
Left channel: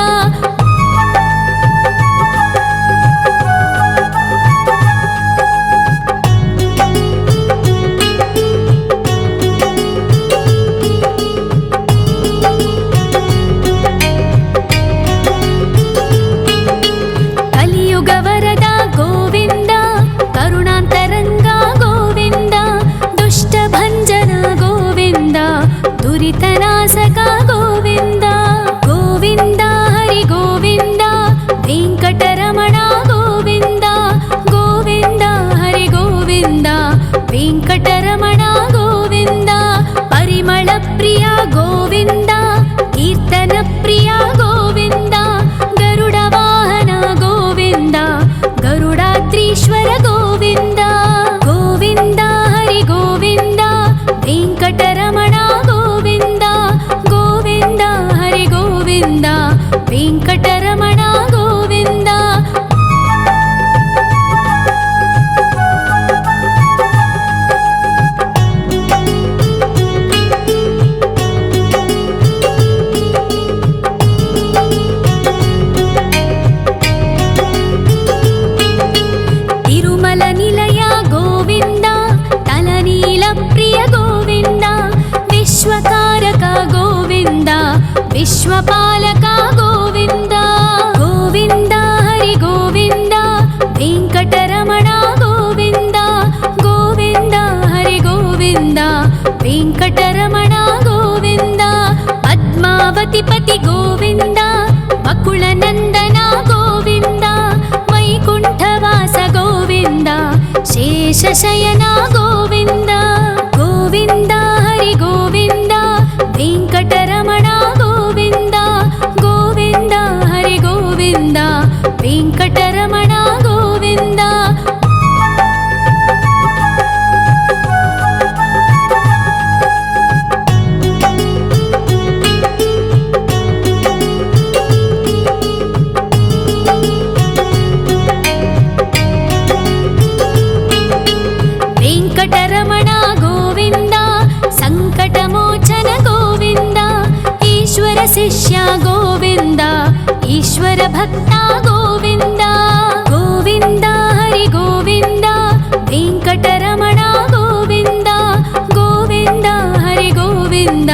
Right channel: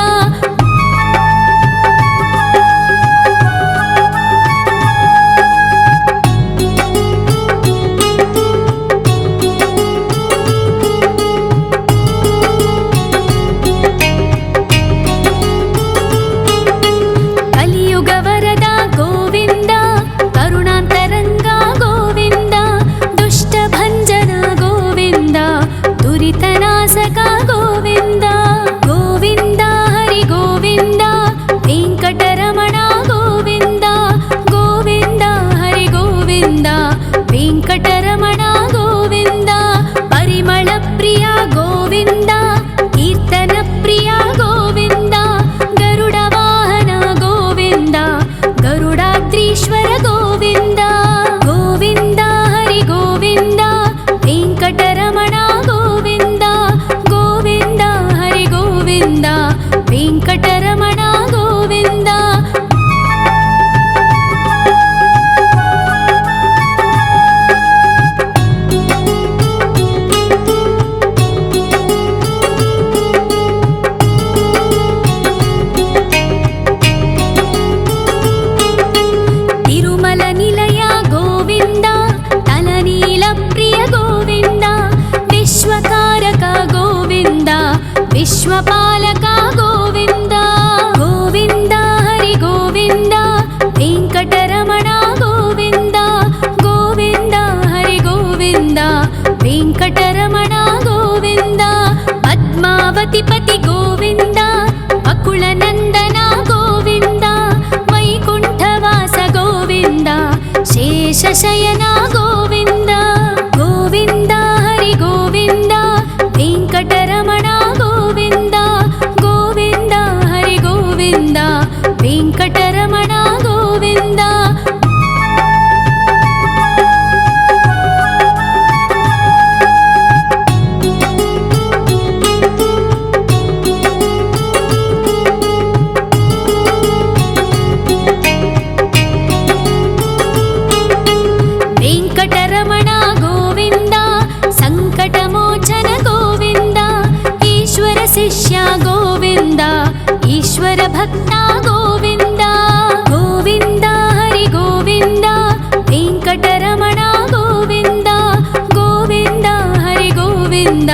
ಕಲಿಯುಗವರದ ಗೋವಿಂದ ಕರುಣಾಂತರಂಗ ಗೋವಿಂದ ದುಷ್ಟ ಭಂಜನ ಗೋವಿಂದ ದುರಿತನಾಶಕ ಗೋವಿಂದ ಗೋವಿಂದ ಹರಿ ಗೋವಿಂದ ವೆಂಕಟರಮಣ ಗೋವಿಂದ ಗೋವಿಂದ ಹರಿ ಗೋವಿಂದ ವೆಂಕಟರಮಣ ಗೋವಿಂದ. ಪರಿಮಳ ಪ್ರಿಯ ಗೋವಿಂದ ಕೀರ್ತನ ಪ್ರಿಯ ಗೋವಿಂದ ಗರುಡ ವಾಹನ ಗೋವಿಂದ ಗರುಡಾದ್ರೀಶ್ವರ ಗೋವಿಂದ ಗೋವಿಂದ ಹರಿ ಗೋವಿಂದ ವೆಂಕಟರಮಣ ಗೋವಿಂದ ಗೋವಿಂದ ಹರಿ ಗೋವಿಂದ ವೆಂಕಟರಮಣ ಗೋವಿಂದ. ತಿರುಮಲ ನಿಲಯ ಗೋವಿಂದ ತಲನೀಲ ಪ್ರಿಯ ಗೋವಿಂದ ವಿಶ್ವಕಾರಕ ಗೋವಿಂದ ವಿಶ್ವಪಾಲಕ ಗೋವಿಂದ ಗೋವಿಂದ ಹರಿ ಗೋವಿಂದ ವೆಂಕಟರಮಣ ಗೋವಿಂದ ಗೋವಿಂದ ಹರಿ ಗೋವಿಂದ ವೆಂಕಟರಮಣ ಗೋವಿಂದ. ಪದ್ಮಾವತಿ ಪತಿ ಗೋವಿಂದ ಅಕುಳ ನಂದನ ಗೋವಿಂದ ವೈಕುಂಠವಾಸ ಗೋವಿಂದ ಶೇಷಶಯನ ಗೋವಿಂದ ಗೋವಿಂದ ಹರಿ ಗೋವಿಂದ ವೆಂಕಟರಮಣ ಗೋವಿಂದ ಗೋವಿಂದ ಹರಿ ಗೋವಿಂದ ವೆಂಕಟರಮಣ ಗೋವಿಂದ. వెంకటరమణ గోవింద సంకటమోచన గోవింద ఈశ్వర శిష్య గోవింద ఈశ్వర భక్త గోవింద గోవింద హరి గోవింద వెంకటరమణ గోవింద గోవింద హరి గోవింద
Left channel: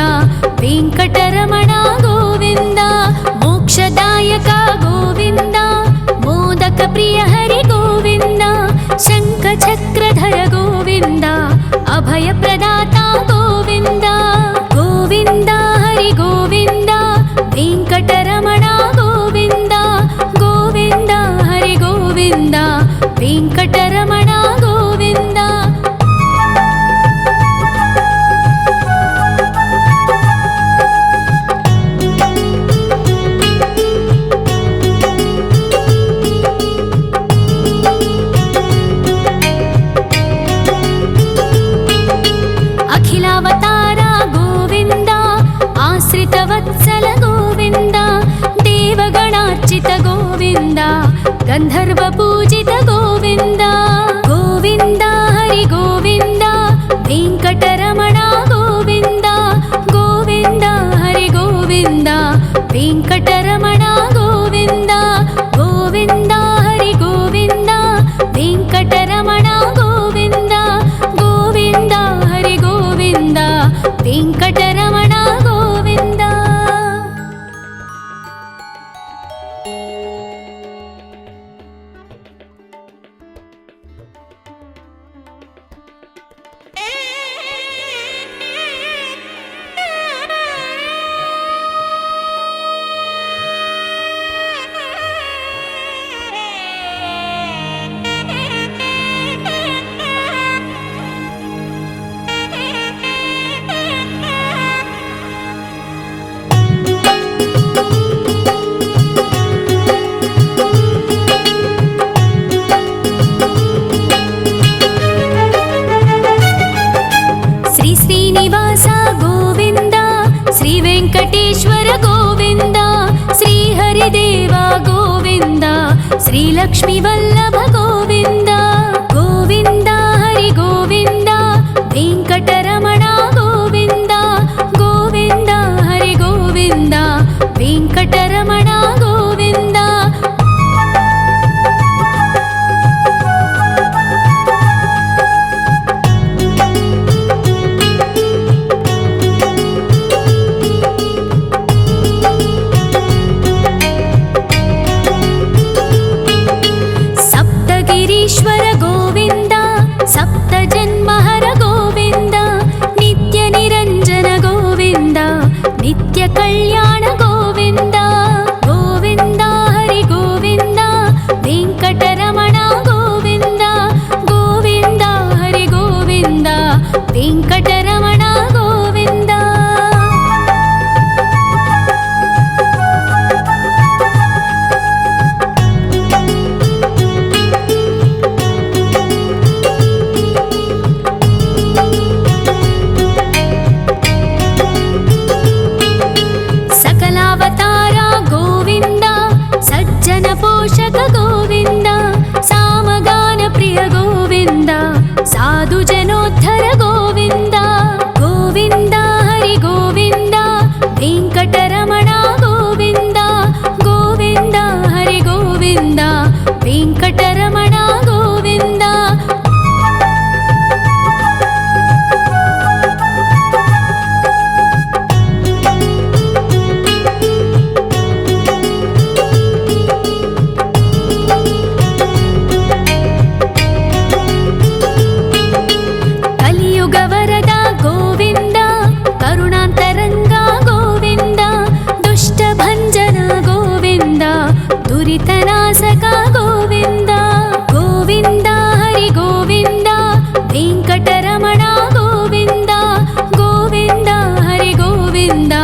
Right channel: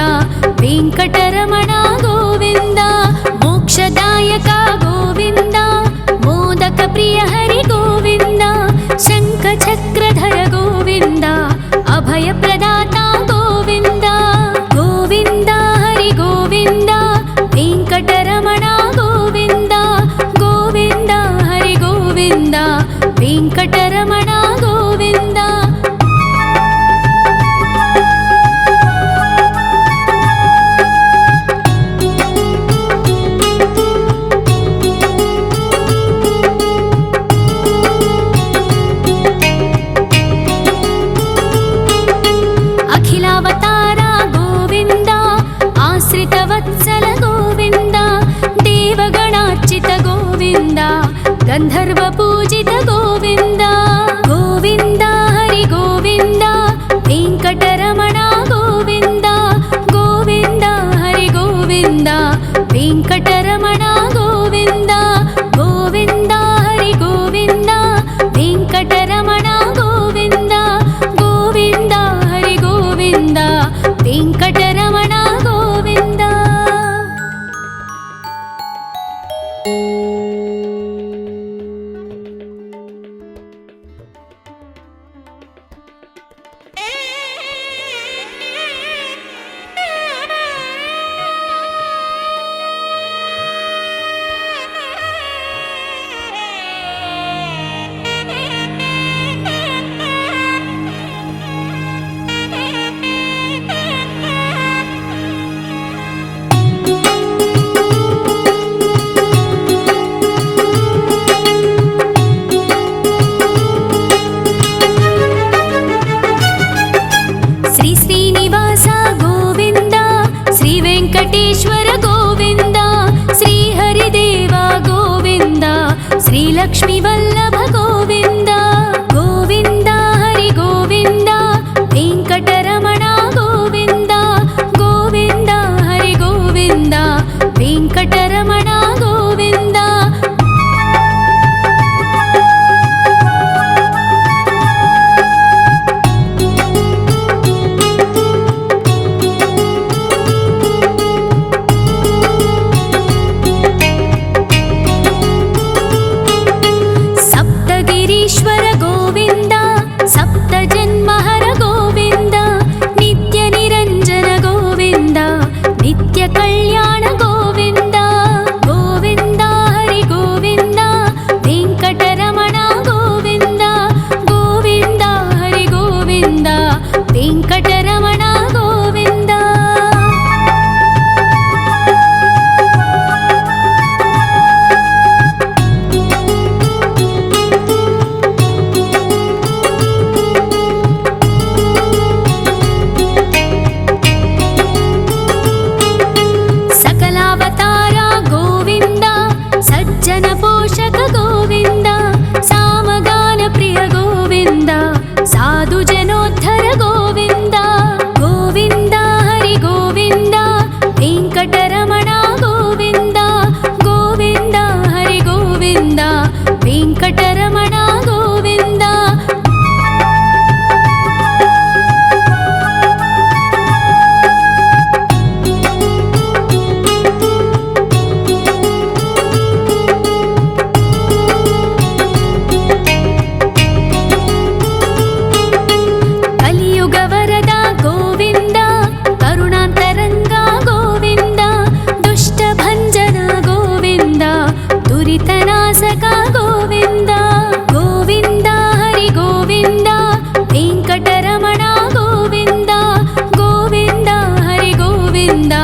వెంకటరమణ గోవింద మోక్షదాయక గోవింద మోదక ప్రియ హరి గోవింద శంఖ చక్రధర గోవింద అభయ ప్రదాత గోవింద గోవింద హరి గోవింద వెంకటరమణ గోవింద గోవింద హరి గోవింద వెంకటరమణ గోవింద అఖిలావతార గోవింద ఆశ్రితవత్సల గోవింద దేవగణార్చిత గోవింద గంధర్వ పూజిత గోవింద గోవింద హరి గోవింద వెంకటరమణ గోవింద గోవింద హరి గోవింద వెంకటరమణ గోవింద గోవింద హరి గోవింద వెంకటరమణ గోవింద గోవింద హరి గోవింద వెంకటరమణ గోవింద శ్రీ శ్రీనివాస గోవింద శ్రీ వెంకటేశ్వర గోవింద శ్రీ హరిదేవ గోవింద శ్రీ లక్ష్మీ వల్లభ గోవింద గోవింద హరి గోవింద వెంకటరమణ గోవింద గోవింద హరి గోవింద వెంకటరమణ గోవింద సప్తగిరీశ్వర గోవింద సప్త జన్మహర గోవింద నిత్య నిరంజన గోవింద నిత్య కళ్యాణ గోవింద గోవింద హరి గోవింద వెంకటరమణ గోవింద గోవింద హరి గోవింద వెంకటరమణ గోవింద సకలావతార గోవింద సజ్జన పోషక గోవింద సామగాన ప్రియ గోవింద సాధు జనోద్ధర గోవింద గోవింద హరి గోవింద వెంకటరమణ గోవింద గోవింద హరి గోవింద వెంకటరమణ గోవింద కలియుగ వరద గోవింద కరుణాంతరంగ గోవింద దుష్ట భంజన గోవింద దురితనాశక గోవింద గోవింద హరి గోవింద వెంకటరమణ గోవింద గోవింద హరి గోవింద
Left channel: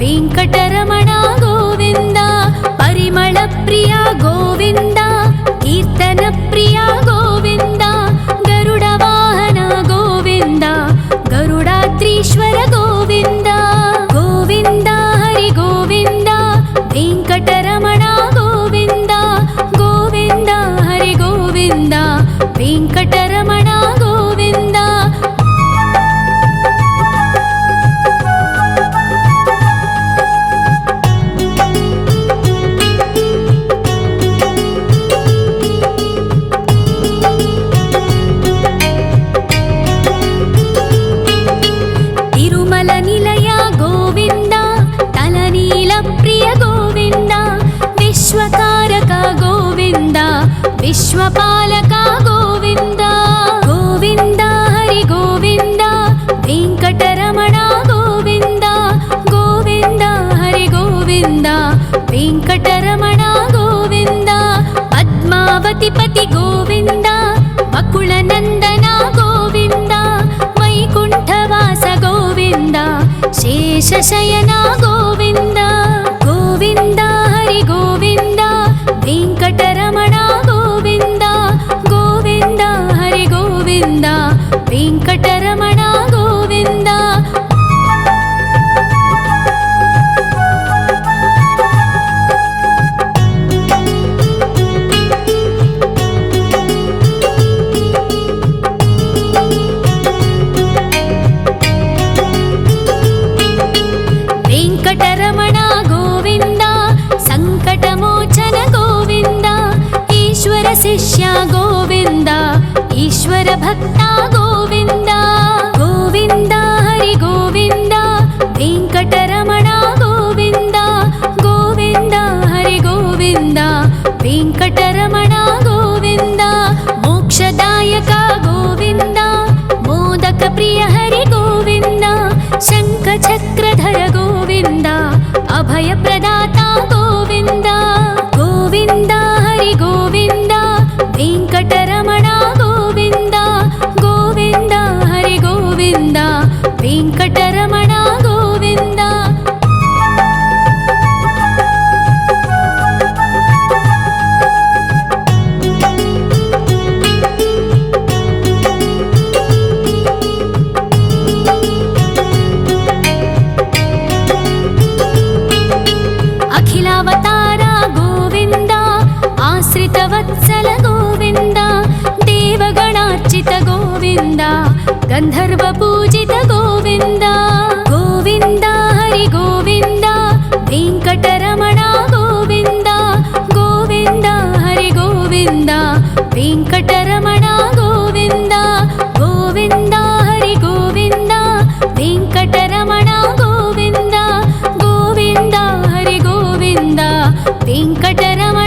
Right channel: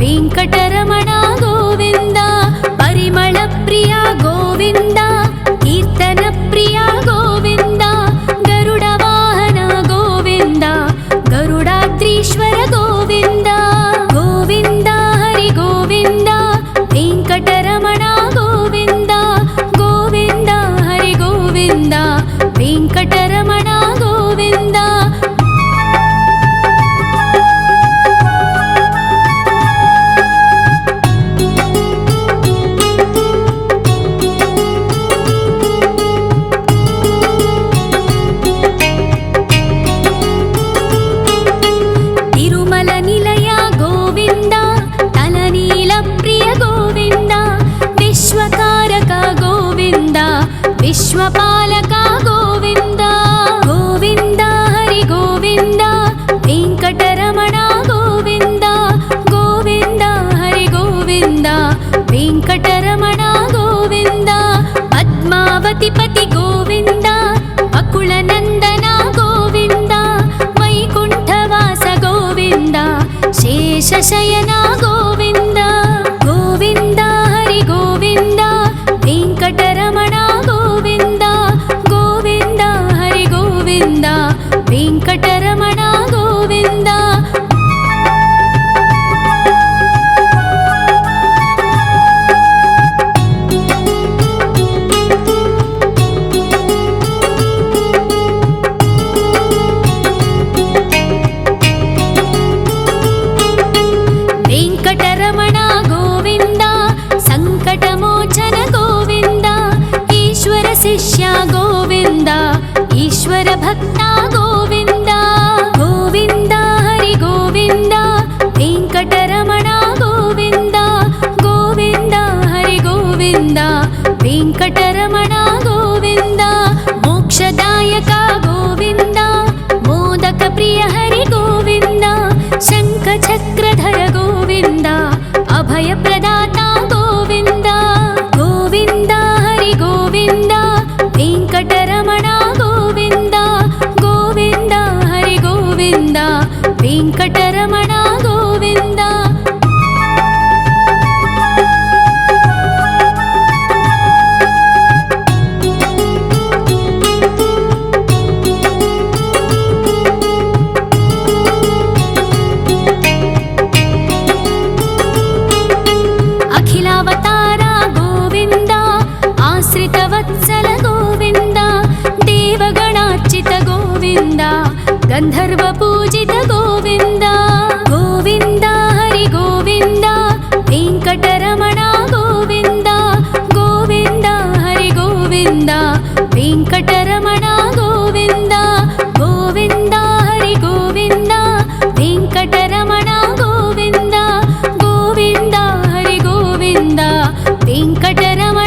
వెంకటరమణ గోవింద పరిమళ ప్రియ గోవింద కీర్తన ప్రియ గోవింద గరుడ వాహన గోవింద గరుడాద్రీశ్వర గోవింద గోవింద హరి గోవింద వెంకటరమణ గోవింద గోవింద హరి గోవింద వెంకటరమణ గోవింద विश्वकारक गोविन्द विश्वपालक गोविन्द गोविन्द हरि गोविन्द वेङ्कटरमण गोविन्द गोविन्द हरि गोविन्द वेङ्कटरमण गोविन्द पद्मावतिपति गोविन्द अकुलनन्दन गोविन्द वैकुण्ठवास गोविन्द शेषशयन गोविन्द गोविन्द हरि गोविन्द वेङ्कटरमण गोविन्द गोविन्द हरि गोविन्द वेङ्कटरमण गोविन्द वेङ्कटरमण गोविन्द सङ्कटमोचन गोविन्द ईश्वर शिष्य गोविन्द ईश्वर भक्ता गोविन्द गोविन्द हरि गोविन्द वेङ्कटरमण गोविन्द गोविन्द हरि गोविन्द वेङ्कटरमण गोविन्द मोक्षदायक गोविन्द मोदक प्रिय हरि गोविन्द शङ्खचक्रधर गोविन्द अभयप्रदाता गोविन्द गोविन्द हरि गोविन्द वेङ्कटरमण गोविन्द गोविन्द हरि गोविन्द वेङ्कटरमण गोविन्द अखिलावतार गोविन्द आश्रितवत्सल गोविन्द देवगणार्चित गोविन्द गन्धर्वपूजित गोविन्द गोविन्द हरि गोविन्द वेङ्कटरमण गोविन्द गोविन्द हरि गोविन्द वेङ्कटरमण गोविन्द गोविन्द हरि गोविन्द वेङ्कटरमण गोविन्द गोविन्द हरि गोविन्द वेङ्कटरमण